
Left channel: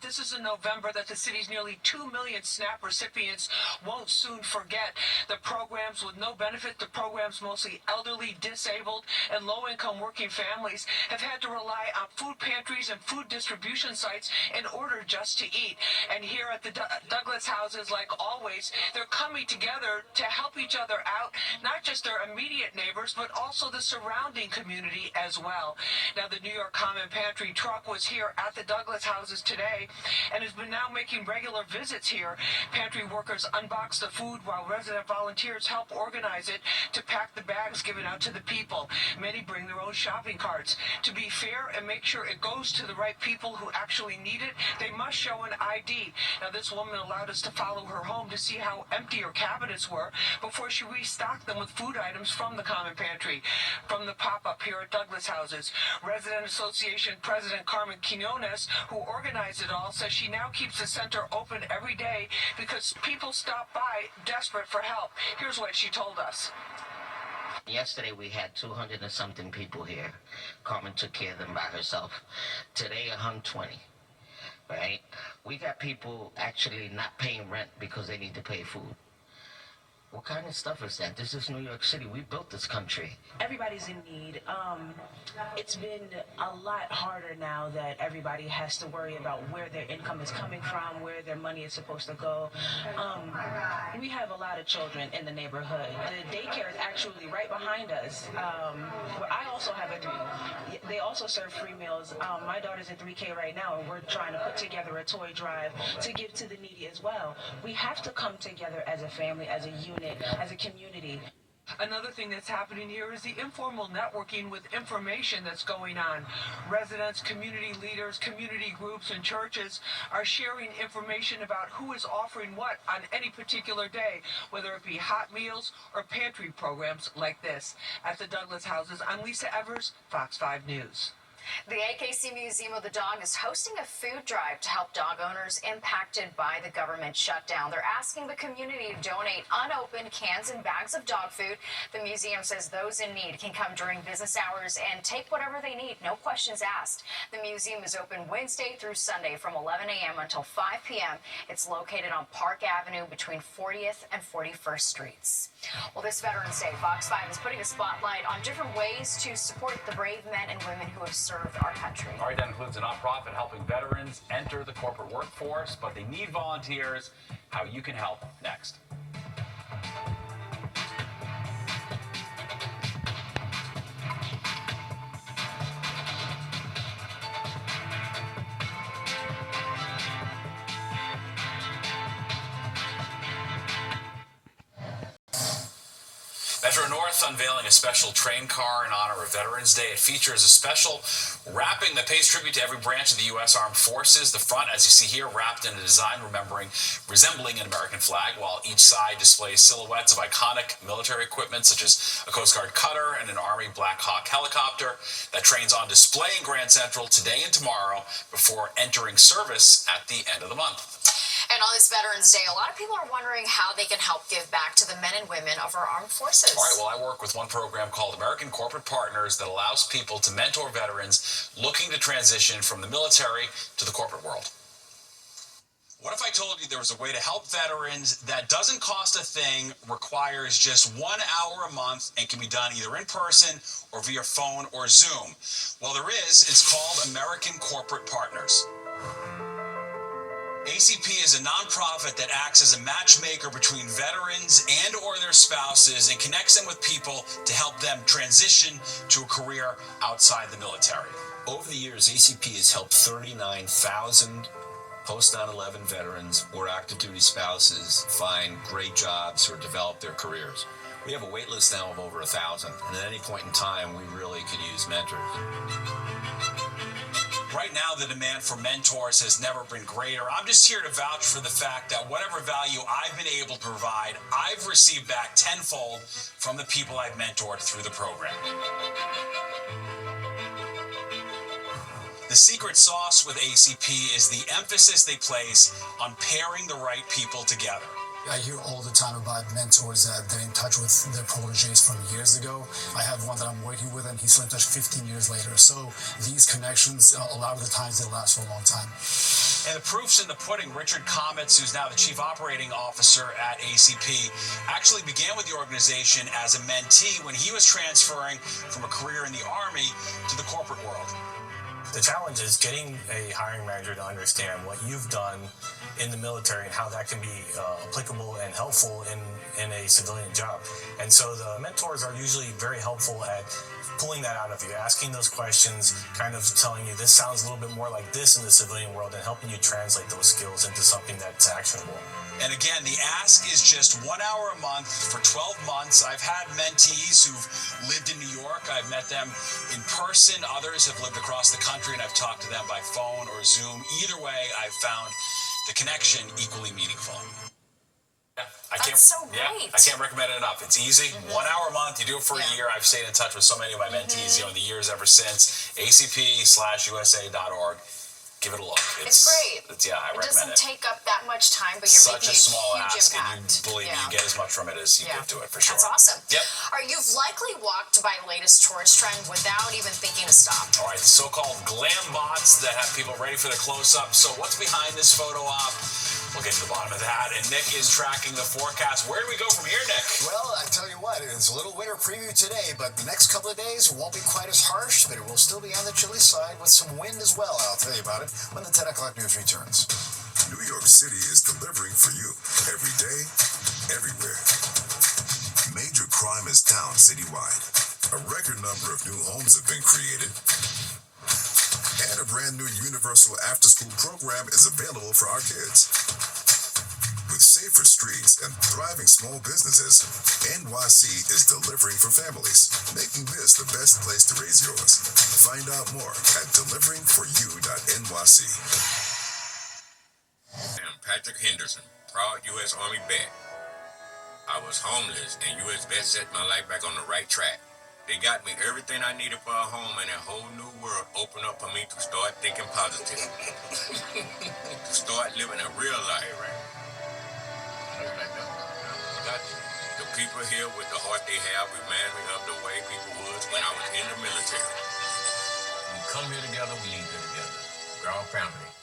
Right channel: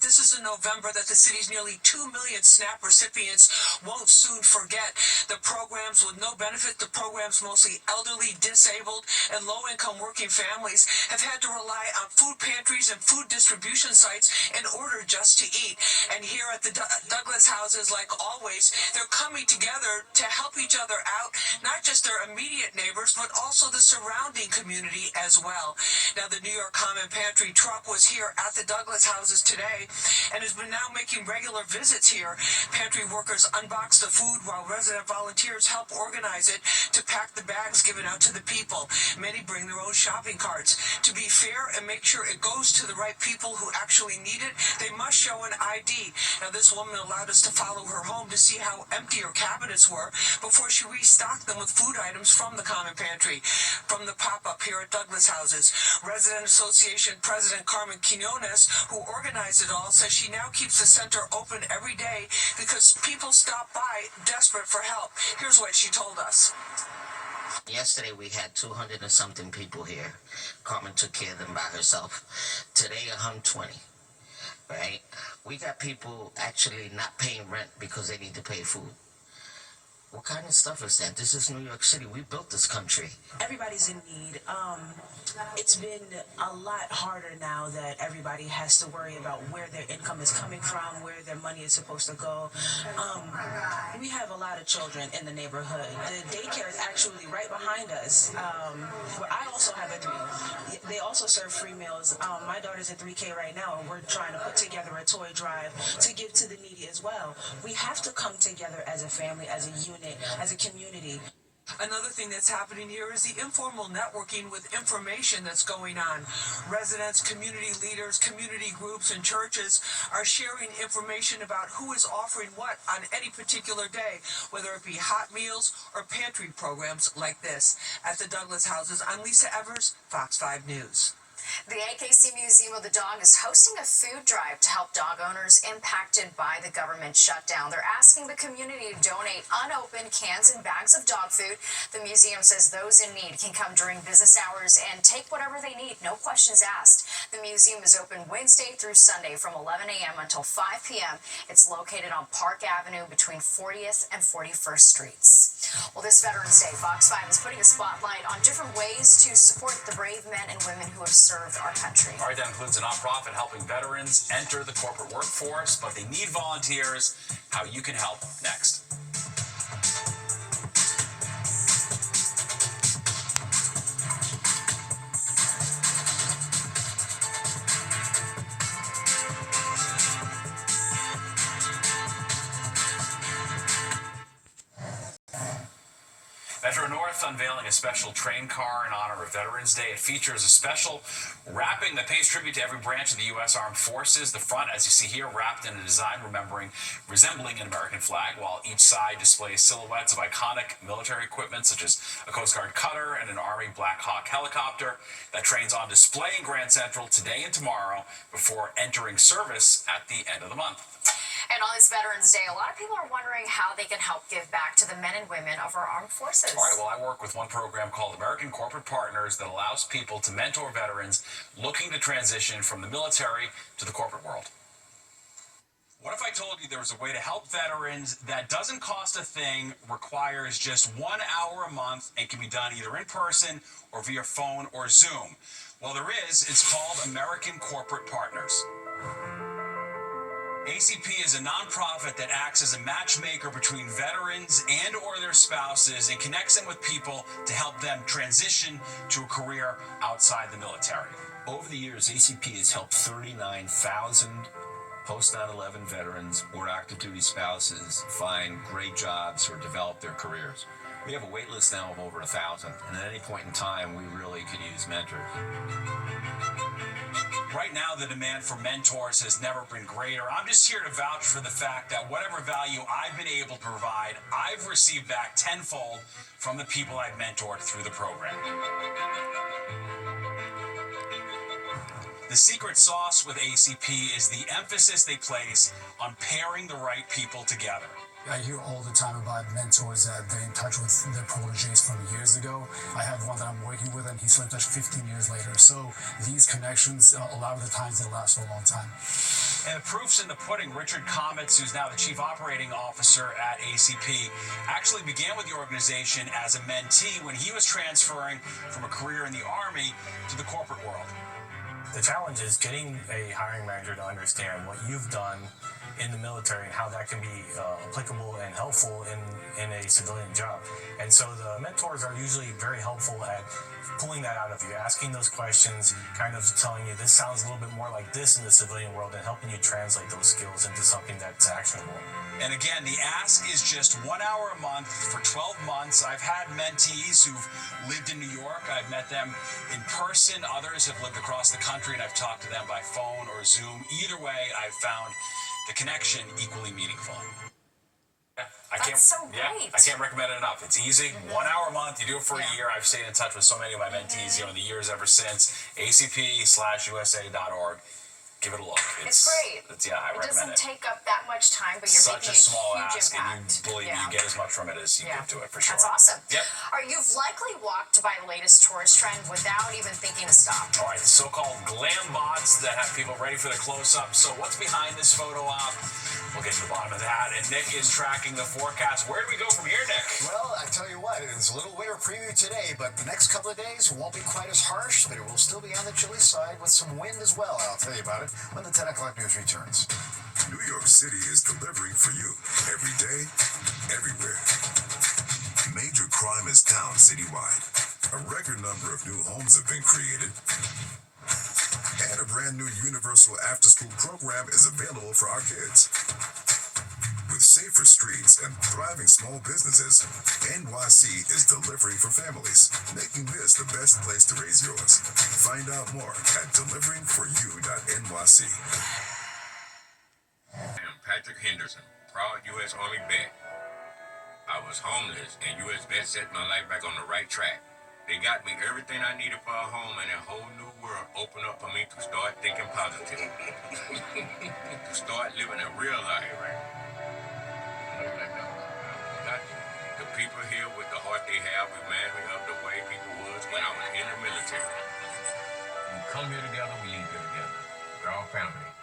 This is in November that the city's nearly 2 million SNAP recipients won't soon forget. The programs with no benefit, the programs mostly elderly, disabled, and low-income working families have had to rely on food pantries and food distribution sites in order just to eat. And here at the Douglas houses, like always, they're coming together to help each other out, not just their immediate neighbors, but also the surrounding community as well. Now, the New York Common Pantry truck was here at the Douglas houses today and has been now making regular visits here. Pantry workers unbox the food while resident volunteers help organize it to pack the bags given out to the people. Many bring their own shopping carts. To be fair and make sure it goes to the right people who actually need it, they must show an ID. Now, this woman allowed us to follow her home to see how empty her cabinets were before she restocked them with food items from the Common Pantry. From the pop-up here at Douglas houses, Resident Association President Carmen Quinones, who organized it all, says she now keeps the center open every day because people stop by desperate for help. Here's what she told us. Yesterday we had 200 and something people here. Carmen took care of them by herself. Today 120, right? We got people actually not paying rent because they need to pay food. What kind of stuff is that? This is New York City. We built this country. Everybody's in need. It's been a lot harder now that everybody has to worry about where their income is coming from, where their money is supposed to go. We have a lot of children in the neighborhood. The daycare is actually right behind us. Where I also have they also serve free meals. My daughter's in 3K right now, and we're trying to put together a toy drive to give to the needy as well. We have to come together as a family, as a unit, as a community. Another thing that's happening here is the informal networking with information that's going on. Residents, community leaders, community groups, and churches are sharing information about who is offering what on any particular day, whether it be hot meals or pantry programs like this. At the Douglas houses, I'm Lisa Evers, Fox 5 News. The AKC Museum of the Dog is hosting a food drive to help dog owners impacted by the government shutdown. They're asking the community to donate unopened cans and bags of dog food. The museum says those in need can come during business hours and take whatever they need, no questions asked. The museum is open Wednesday through Sunday from 11 a.m. until 5 p.m. It's located on Park Avenue between 40th and 41st Streets. Well, this Veterans Day, Fox 5 is putting a spotlight on different ways to support the brave men and women who have served our country. All right, that includes a nonprofit helping veterans enter the corporate workforce, but they need volunteers. How you can help next. Metro North unveiling a special train car in honor of Veterans Day. It features a special wrapping that pays tribute to every branch of the U.S. Armed Forces. The front, as you see here, wrapped in a design resembling an American flag, while each side displays silhouettes of iconic military equipment, such as a Coast Guard cutter and an Army Black Hawk helicopter. That train's on display in Grand Central today and tomorrow before entering service at the end of the month. And on this Veterans Day, a lot of people are wondering how they can help give back to the men and women of our armed forces. All right, well, I work with one program called American Corporate Partners that allows people to mentor veterans looking to transition from the military to the corporate world. What if I told you there was a way to help veterans that doesn't cost a thing, requires just 1 hour a month, and can be done either in person or via phone or Zoom? Well, there is. It's called American Corporate Partners. ACP is a nonprofit that acts as a matchmaker between veterans and or their spouses and connects them with people to help them transition to a career outside the military. Over the years, ACP has helped 39,000 post 9/11 veterans or active duty spouses find great jobs or develop their careers. We have a wait list now of over 1,000, and at any point in time, we really could use mentors. Right now, the demand for mentors has never been greater. I'm just here to vouch for the fact that whatever value I've been able to provide, I've received back tenfold from the people I've mentored through the program. The secret sauce with ACP is the emphasis they place on pairing the right people together. I hear all the time about mentors that they're in touch with their proteges from years ago. I have one that I'm working with, and he's still in touch 15 years later. So these connections, a lot of the times, they last for a long time. And the proof's in the pudding. Richard Comets, who's now the Chief Operating Officer at ACP, actually began with the organization as a mentee when he was transferring from a career in the Army to the corporate world. The challenge is getting a hiring manager to understand what you've done in the military and how that can be applicable and helpful in a civilian job. And so the mentors are usually very helpful at pulling that out of you, asking those questions, kind of telling you this sounds a little bit more like this in the civilian world, and helping you translate those skills into something that's actionable. And again, the ask is just 1 hour a month for 12 months. I've had mentees who've lived in New York. I've met them in person. Others have lived across the country, and I've talked to them by phone or Zoom. Either way, I've found the connection equally meaningful. That's so great. I can't recommend it enough. It's easy. 1 hour a month. You do it for a year. I've stayed in touch with so many of my mentees, in the years ever since. acp/usa.org. Give it a look. It's great. I recommend it. It doesn't take up that much time, but you're Such making a small huge ask, impact. and you believe me, you get as much from it as you give to it, for sure. That's awesome. Yep. All right, you've likely walked by the latest tourist trend without even thinking to stop. All right, the so-called glam bots that have people ready for the close-up. So what's behind this photo op? We'll get to the bottom of that. And Nick is tracking the forecast. Where do we go from here, Nick? Well, I tell you what, it's a little winter preview today, but the next couple of days won't be quite as harsh, but it will still be on the chilly side with some wind as well. I'll tell you about it when the 10 o'clock news returns. New York City is delivering for you every day, everywhere. Major crime is down citywide. A record number of new homes have been created. And a brand new universal after-school program is available for our kids. With safer streets and thriving small businesses, NYC is delivering for families, making this the best place to raise yours. Find out more at deliveringforyou.nyc. I'm Patrick Henderson, proud U.S. Army vet. I was homeless, and U.S. vet set my life back on the right track. They got me everything I needed for a home, and a whole new world opened up for me to start thinking positive. To start living a real life. The people here with the heart they have remind me of the way people was when I was in the military. We come here together, we leave here together. We're all family.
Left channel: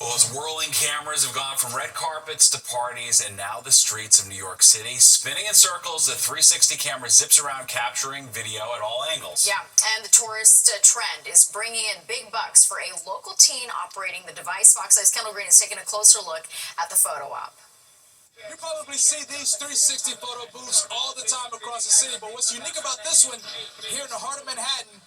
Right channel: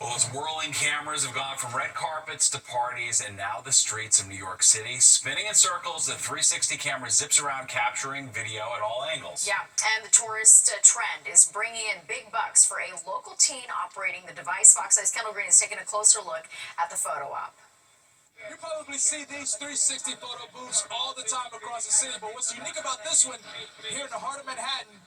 Well, those whirling cameras have gone from red carpets to parties and now the streets of New York City. Spinning in circles, the 360 camera zips around capturing video at all angles. Yeah, and the tourist trend is bringing in big bucks for a local teen operating the device. Fox 5's Kendall Green is taking a closer look at the photo op. You probably see these 360 photo booths all the time across the city, but what's unique about this one, here in the heart of Manhattan,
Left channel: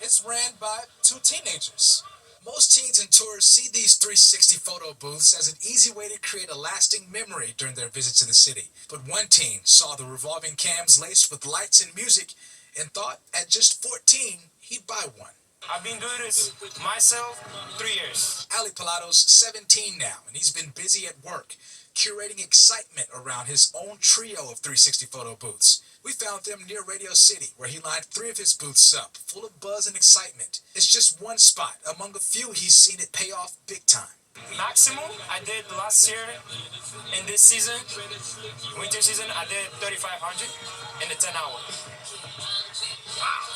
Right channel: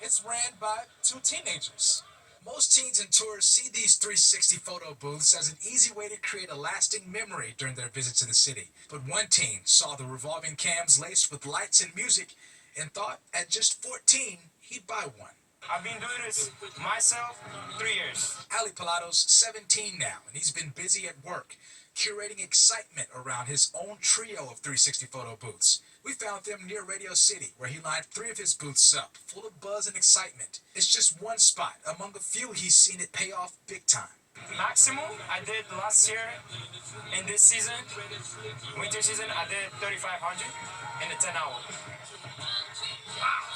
it's ran by two teenagers. Most teens and tourists see these 360 photo booths as an easy way to create a lasting memory during their visit to the city. But one teen saw the revolving cams laced with lights and music and thought at just 14 he'd buy one. I've been doing this myself 3 years. Ali Palado's 17 now, and he's been busy at work, curating excitement around his own trio of 360 photo booths. We found them near Radio City, where he lined 3 of his booths up, full of buzz and excitement. It's just one spot among a few he's seen it pay off big time. Maximum I did last year, in this season, winter season, I did 3,500 in a 10-hour. Wow.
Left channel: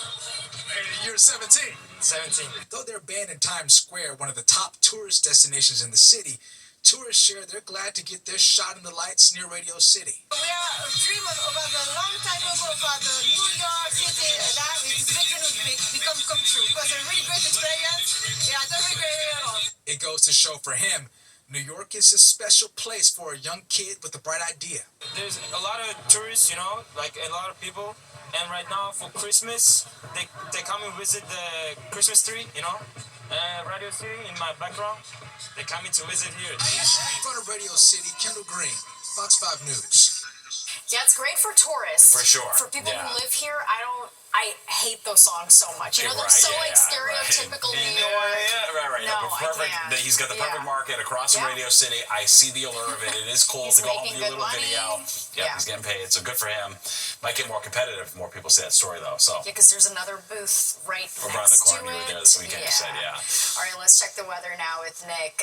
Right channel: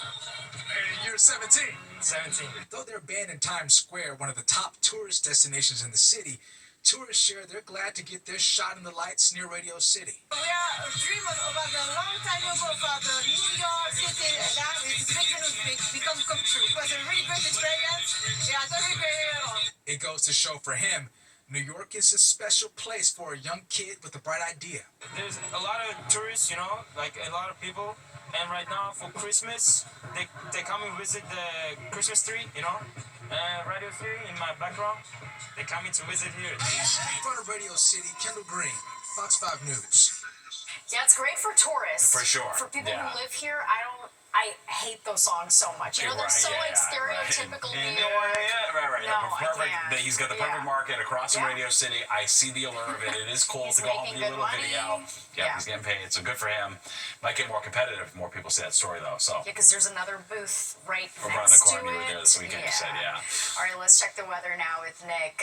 You're 17. 17. Though they're banned in Times Square, one of the top tourist destinations in the city, tourists share they're glad to get their shot in the lights near Radio City. We are dreaming about the long time ago for the New York City that is become true. It was a really great experience. Yeah, it's a really great area. It goes to show for him, New York is a special place for a young kid with a bright idea. There's a lot of tourists, like a lot of people. And right now for Christmas, they come and visit the Christmas tree, Radio City in my background. They're coming to visit here. In front of Radio City, Kendall Green, Fox 5 News. Yeah, it's great for tourists. For sure. For people who live here, I don't I hate those songs so much. You know, they're so like stereotypical New York. Right. No, Perfect. I can't. He's got the perfect market across from Radio City. I see the allure of it. It is cool to go home and do a little video. Yeah, he's getting paid, so good for him. Might get more competitive if more people see that story, though. So yeah, because there's another booth right around the next corner. to You were there it. this weekend. You said, All right, let's check the weather now with Nick.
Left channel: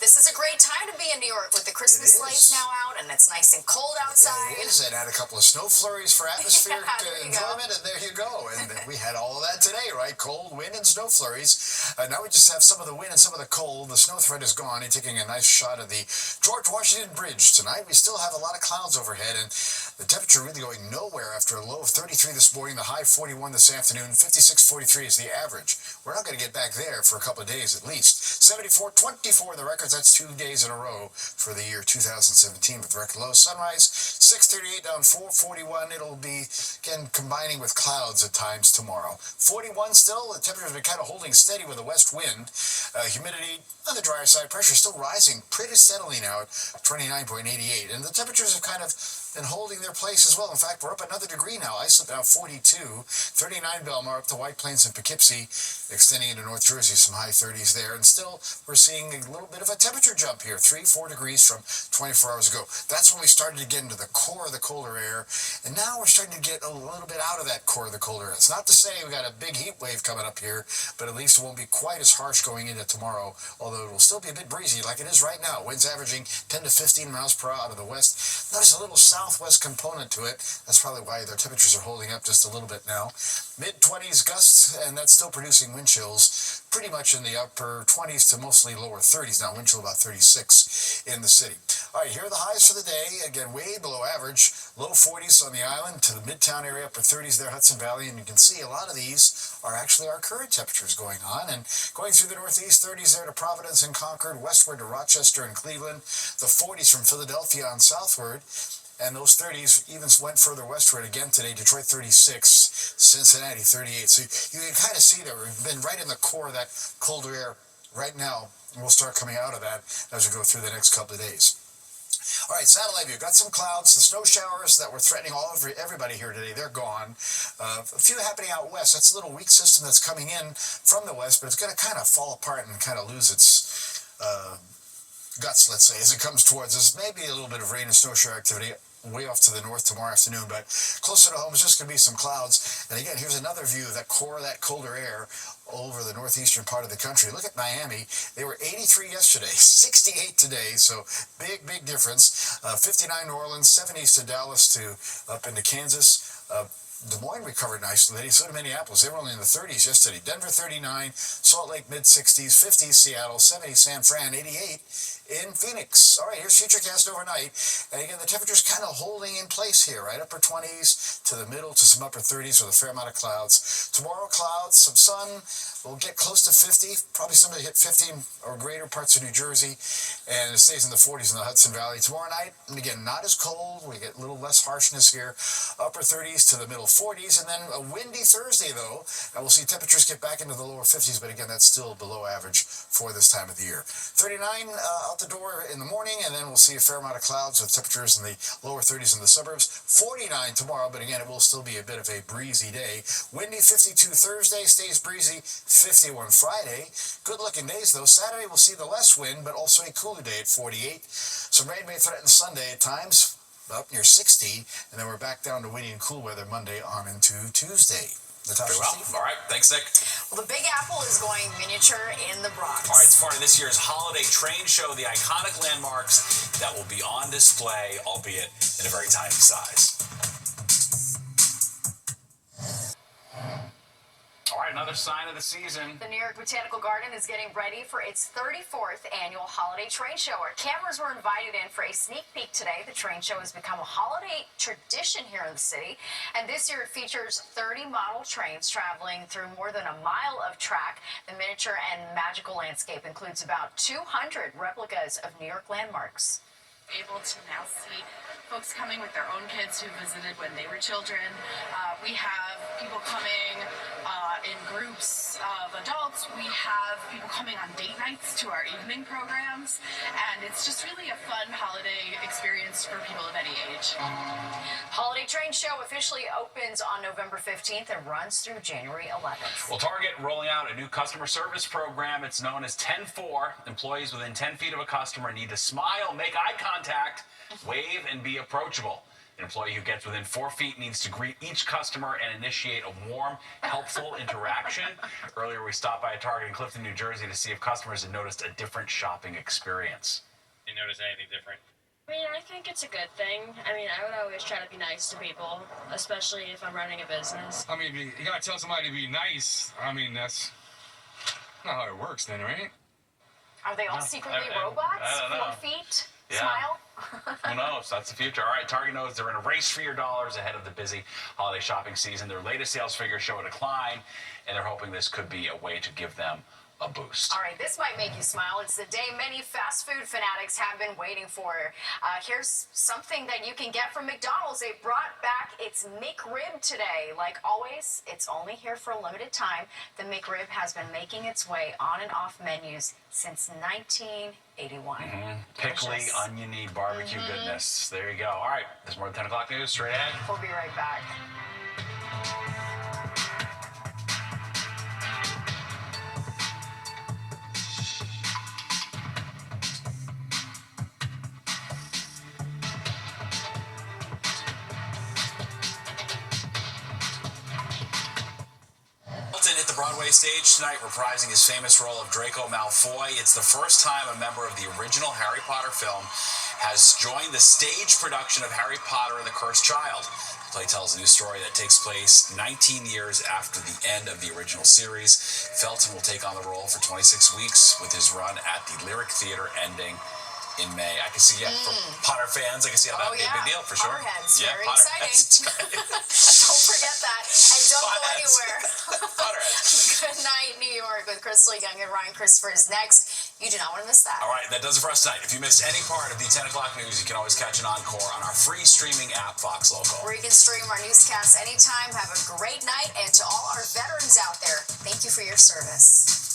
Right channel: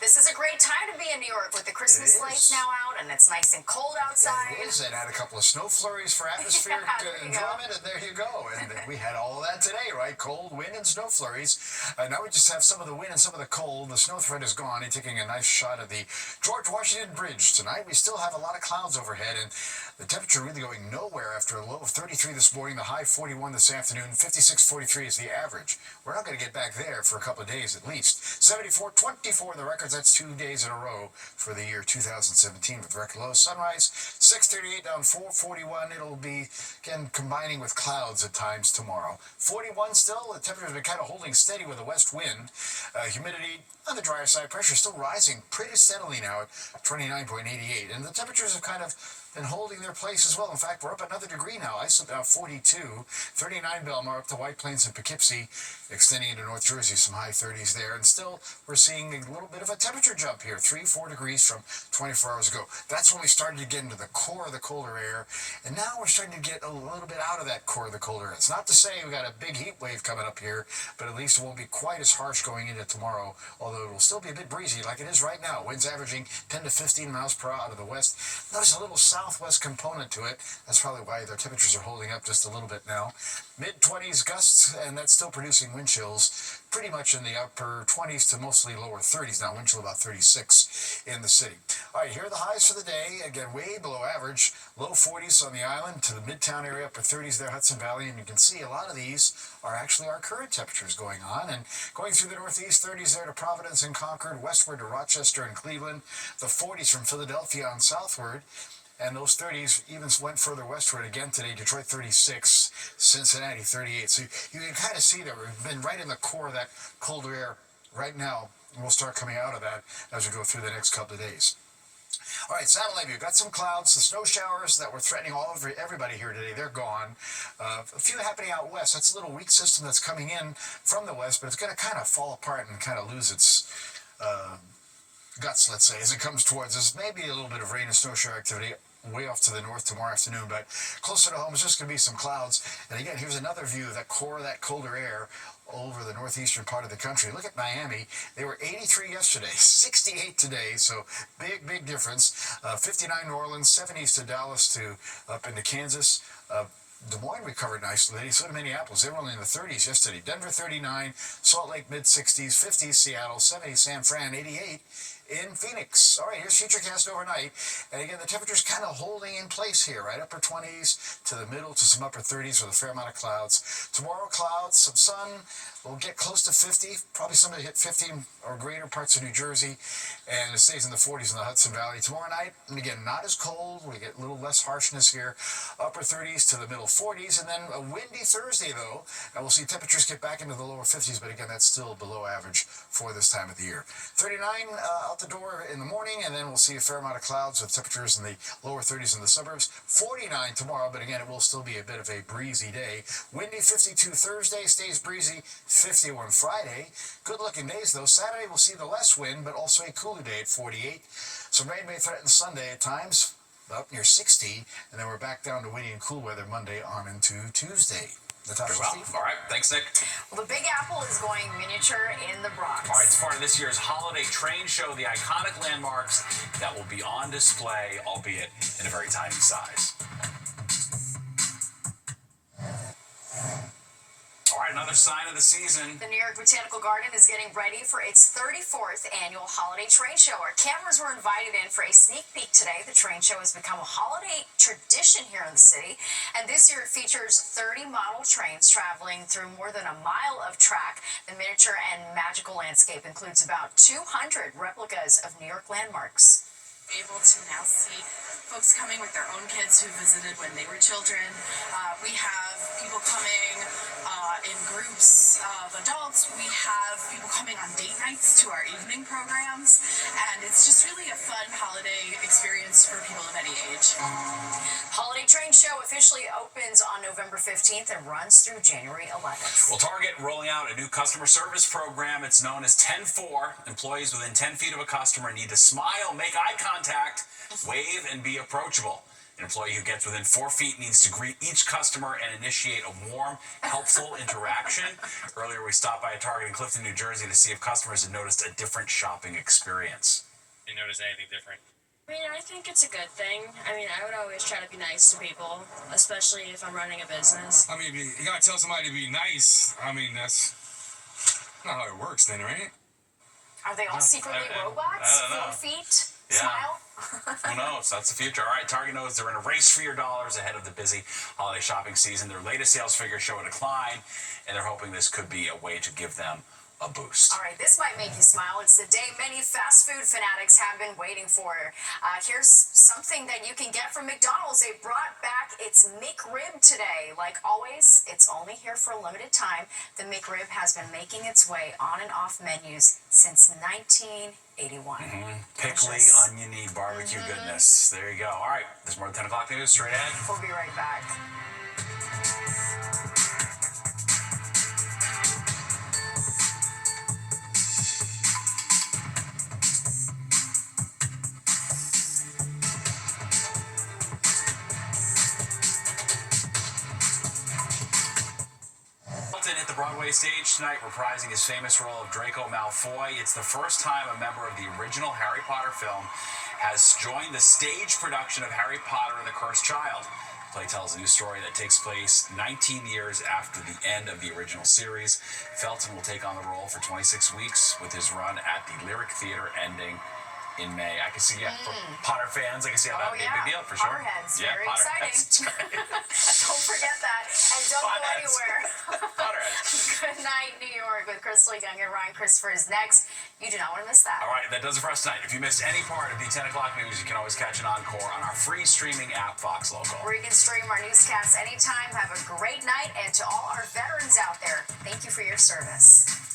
This is a great time to be in New York with the Christmas lights now out, and it's nice and cold outside. It is, and had a couple of snow flurries for atmospheric enjoyment, and there you go. And we had all of that today, right? Cold, wind, and snow flurries. Now we just have some of the wind and some of the cold. The snow threat is gone. You're taking a nice shot of the George Washington Bridge tonight. We still have a lot of clouds overhead, and the temperature really going nowhere after a low of 33 this morning, the high 41 this afternoon, 56.43 is the average. We're not going to get back there for a couple of days at least. 74.24 the records. That's 2 days in a row for the year 2017 with record low. Sunrise 6:38 down 4:41. It'll be again combining with clouds at times tomorrow. 41 still. The temperature's been kind of holding steady with a west wind. Humidity on the drier side. Pressure still rising pretty steadily now at 29.88. And the temperatures have kind of been holding their place as well. In fact, we're up another degree now. Islip now 42, 39 Belmar up to White Plains and Poughkeepsie, extending into North Jersey, some high 30s there. And still, we're seeing a little bit of a temperature jump here, 3-4 degrees from 24 hours ago. That's when we started to get into the core of the colder air. And now we're starting to get a little bit out of that core of the colder air. It's not to say we got a big heat wave coming up here, but at least it won't be quite as harsh going into tomorrow, although it will still be a bit breezy like it is right now. Winds averaging 10 to 15 miles per hour out of the west. Notice a little southwest component to it. That's probably why their temperatures are holding up just a little bit now. Mid-20s gusts, and that's still producing wind chills pretty much in the upper 20s to mostly lower 30s now. Wind chill about 36 in the city. All right, here are the highs for the day. Again, way below average. Low 40s on the island to the Midtown area, upper 30s there, Hudson Valley. And you can see a lot of these are actually our current temperatures going on. And going through the Northeast, 30s there to Providence and Concord, westward to Rochester and Cleveland. The 40s from Philadelphia on southward. And those 30s even went further westward again today. Detroit 36, Cincinnati 38. So you can kind of see that we've been right in the core of that colder air right now. And we'll start coming out of that as we go through the next couple of days. All right, satellite view. Got some clouds. The snow showers that were threatening everybody here today, they're gone. A few happening out west. That's a little weak system that's coming in from the west, but it's going to kind of fall apart and kind of lose its guts, let's say, as it comes towards us. Maybe a little bit of rain and snow shower activity way off to the north tomorrow afternoon, but closer to home is just going to be some clouds. And again, here's another view of that core of that colder air over the northeastern part of the country. Look at Miami. They were 83 yesterday, 68 today, so big difference. 59 New Orleans, 70s to Dallas to up into Kansas. Des Moines recovered nicely. So did Minneapolis. They were only in the 30s yesterday. Denver 39, Salt Lake mid-60s, 50s Seattle, 70 San Fran, 88 in Phoenix. All right, here's Futurecast overnight. And again, the temperature's kind of holding in place here, right? Upper 20s to the middle to some upper 30s with a fair amount of clouds. Tomorrow, clouds, some sun. We'll get close to 50, probably somebody hit 50 or greater parts of New Jersey, and it stays in the 40s in the Hudson Valley. Tomorrow night, and again, not as cold. We get a little less harshness here. Upper 30s to the middle 40s, and then a windy Thursday, though, and we'll see temperatures get back into the lower 50s, but again, that's still below average for this time of the year. 39 out the door in the morning, and then we'll see a fair amount of clouds with temperatures in the lower 30s in the suburbs. 49 tomorrow, but again, it will still be a bit of a breezy day. Windy 52 Thursday, stays breezy 51 Friday. Good looking days though. Saturday we'll see the less wind, but also a cooler day at 48. Some rain may threaten Sunday at times, up near 60, and then we're back down to windy and cool weather Monday on into Tuesday. Natasha, well. All right, thanks, Nick. Well, the Big Apple is going miniature in the Bronx. All right, it's part of this year's holiday train show, the iconic landmarks that will be on display, albeit in a very tiny size. All right, another sign of the season. The New York Botanical Garden is getting ready for its 34th annual holiday train show. Our cameras were invited in for a sneak peek today. The train show has become a holiday tradition here in the city, and this year it features 30 model trains traveling through more than a mile of track. The miniature and magical landscape includes about 200 replicas of New York landmarks. Able to now see folks coming with their own kids who visited when they were children. We have people coming in groups of adults. We have people coming on date nights to our evening programs, and it's It's just really a fun holiday experience for people of any age. Holiday Train Show officially opens on November 15th and runs through January 11th. Well, Target rolling out a new customer service program. It's known as 10-4. Employees within 10 feet of a customer need to smile, make eye contact, wave, and be approachable. An employee who gets within 4 feet needs to greet each customer and initiate a warm, helpful interaction. Earlier, we stopped by a Target in Clifton, New Jersey to see if customers had noticed a different shopping experience. You notice anything different? I mean, I think it's a good thing. I mean, I would always try to be nice to people, especially if I'm running a business. I mean, you gotta tell somebody to be nice. I mean, that's not how it works then, right? Are they all secretly robots? 4 feet? Yeah. Smile? Who knows? That's the future. All right, Target knows they're in a race for your dollars ahead of the busy holiday shopping season. Their latest sales figures show a decline, and they're hoping this could be a way to give them a boost. All right, this might make you smile. It's the day many fast food fanatics have been waiting for. Here's something that you can get from McDonald's. They brought back its McRib today. Like always, it's only here for a limited time. The McRib has been making its way on and off menus since 1981. Pickly, oniony, barbecue goodness. There you go. All right, there's more than 10 o'clock news straight ahead. We'll be right back. Hit the Broadway stage tonight, reprising his famous role of Draco Malfoy. It's the first time a member of the original Harry Potter film has joined the stage production of Harry Potter and the Cursed Child. The play tells a new story that takes place 19 years after the end of the original series. Felton will take on the role for 26 weeks, with his run at the Lyric Theater ending in May. I can see, for Potter fans, I can see how that would be a big deal for sure. Potterheads, yeah, very Potterheads. exciting. Don't forget that. And don't go anywhere. Good night, New York, with Crystal Young and Ryan Christopher is next. You do not want to miss that. All right, that does it for us tonight. If you missed any part of the 10 o'clock news, you can always catch an encore on our free streaming app, Fox Local. Where you can stream our newscasts anytime. Have a great night. And to all our veterans out there, thank you for your service.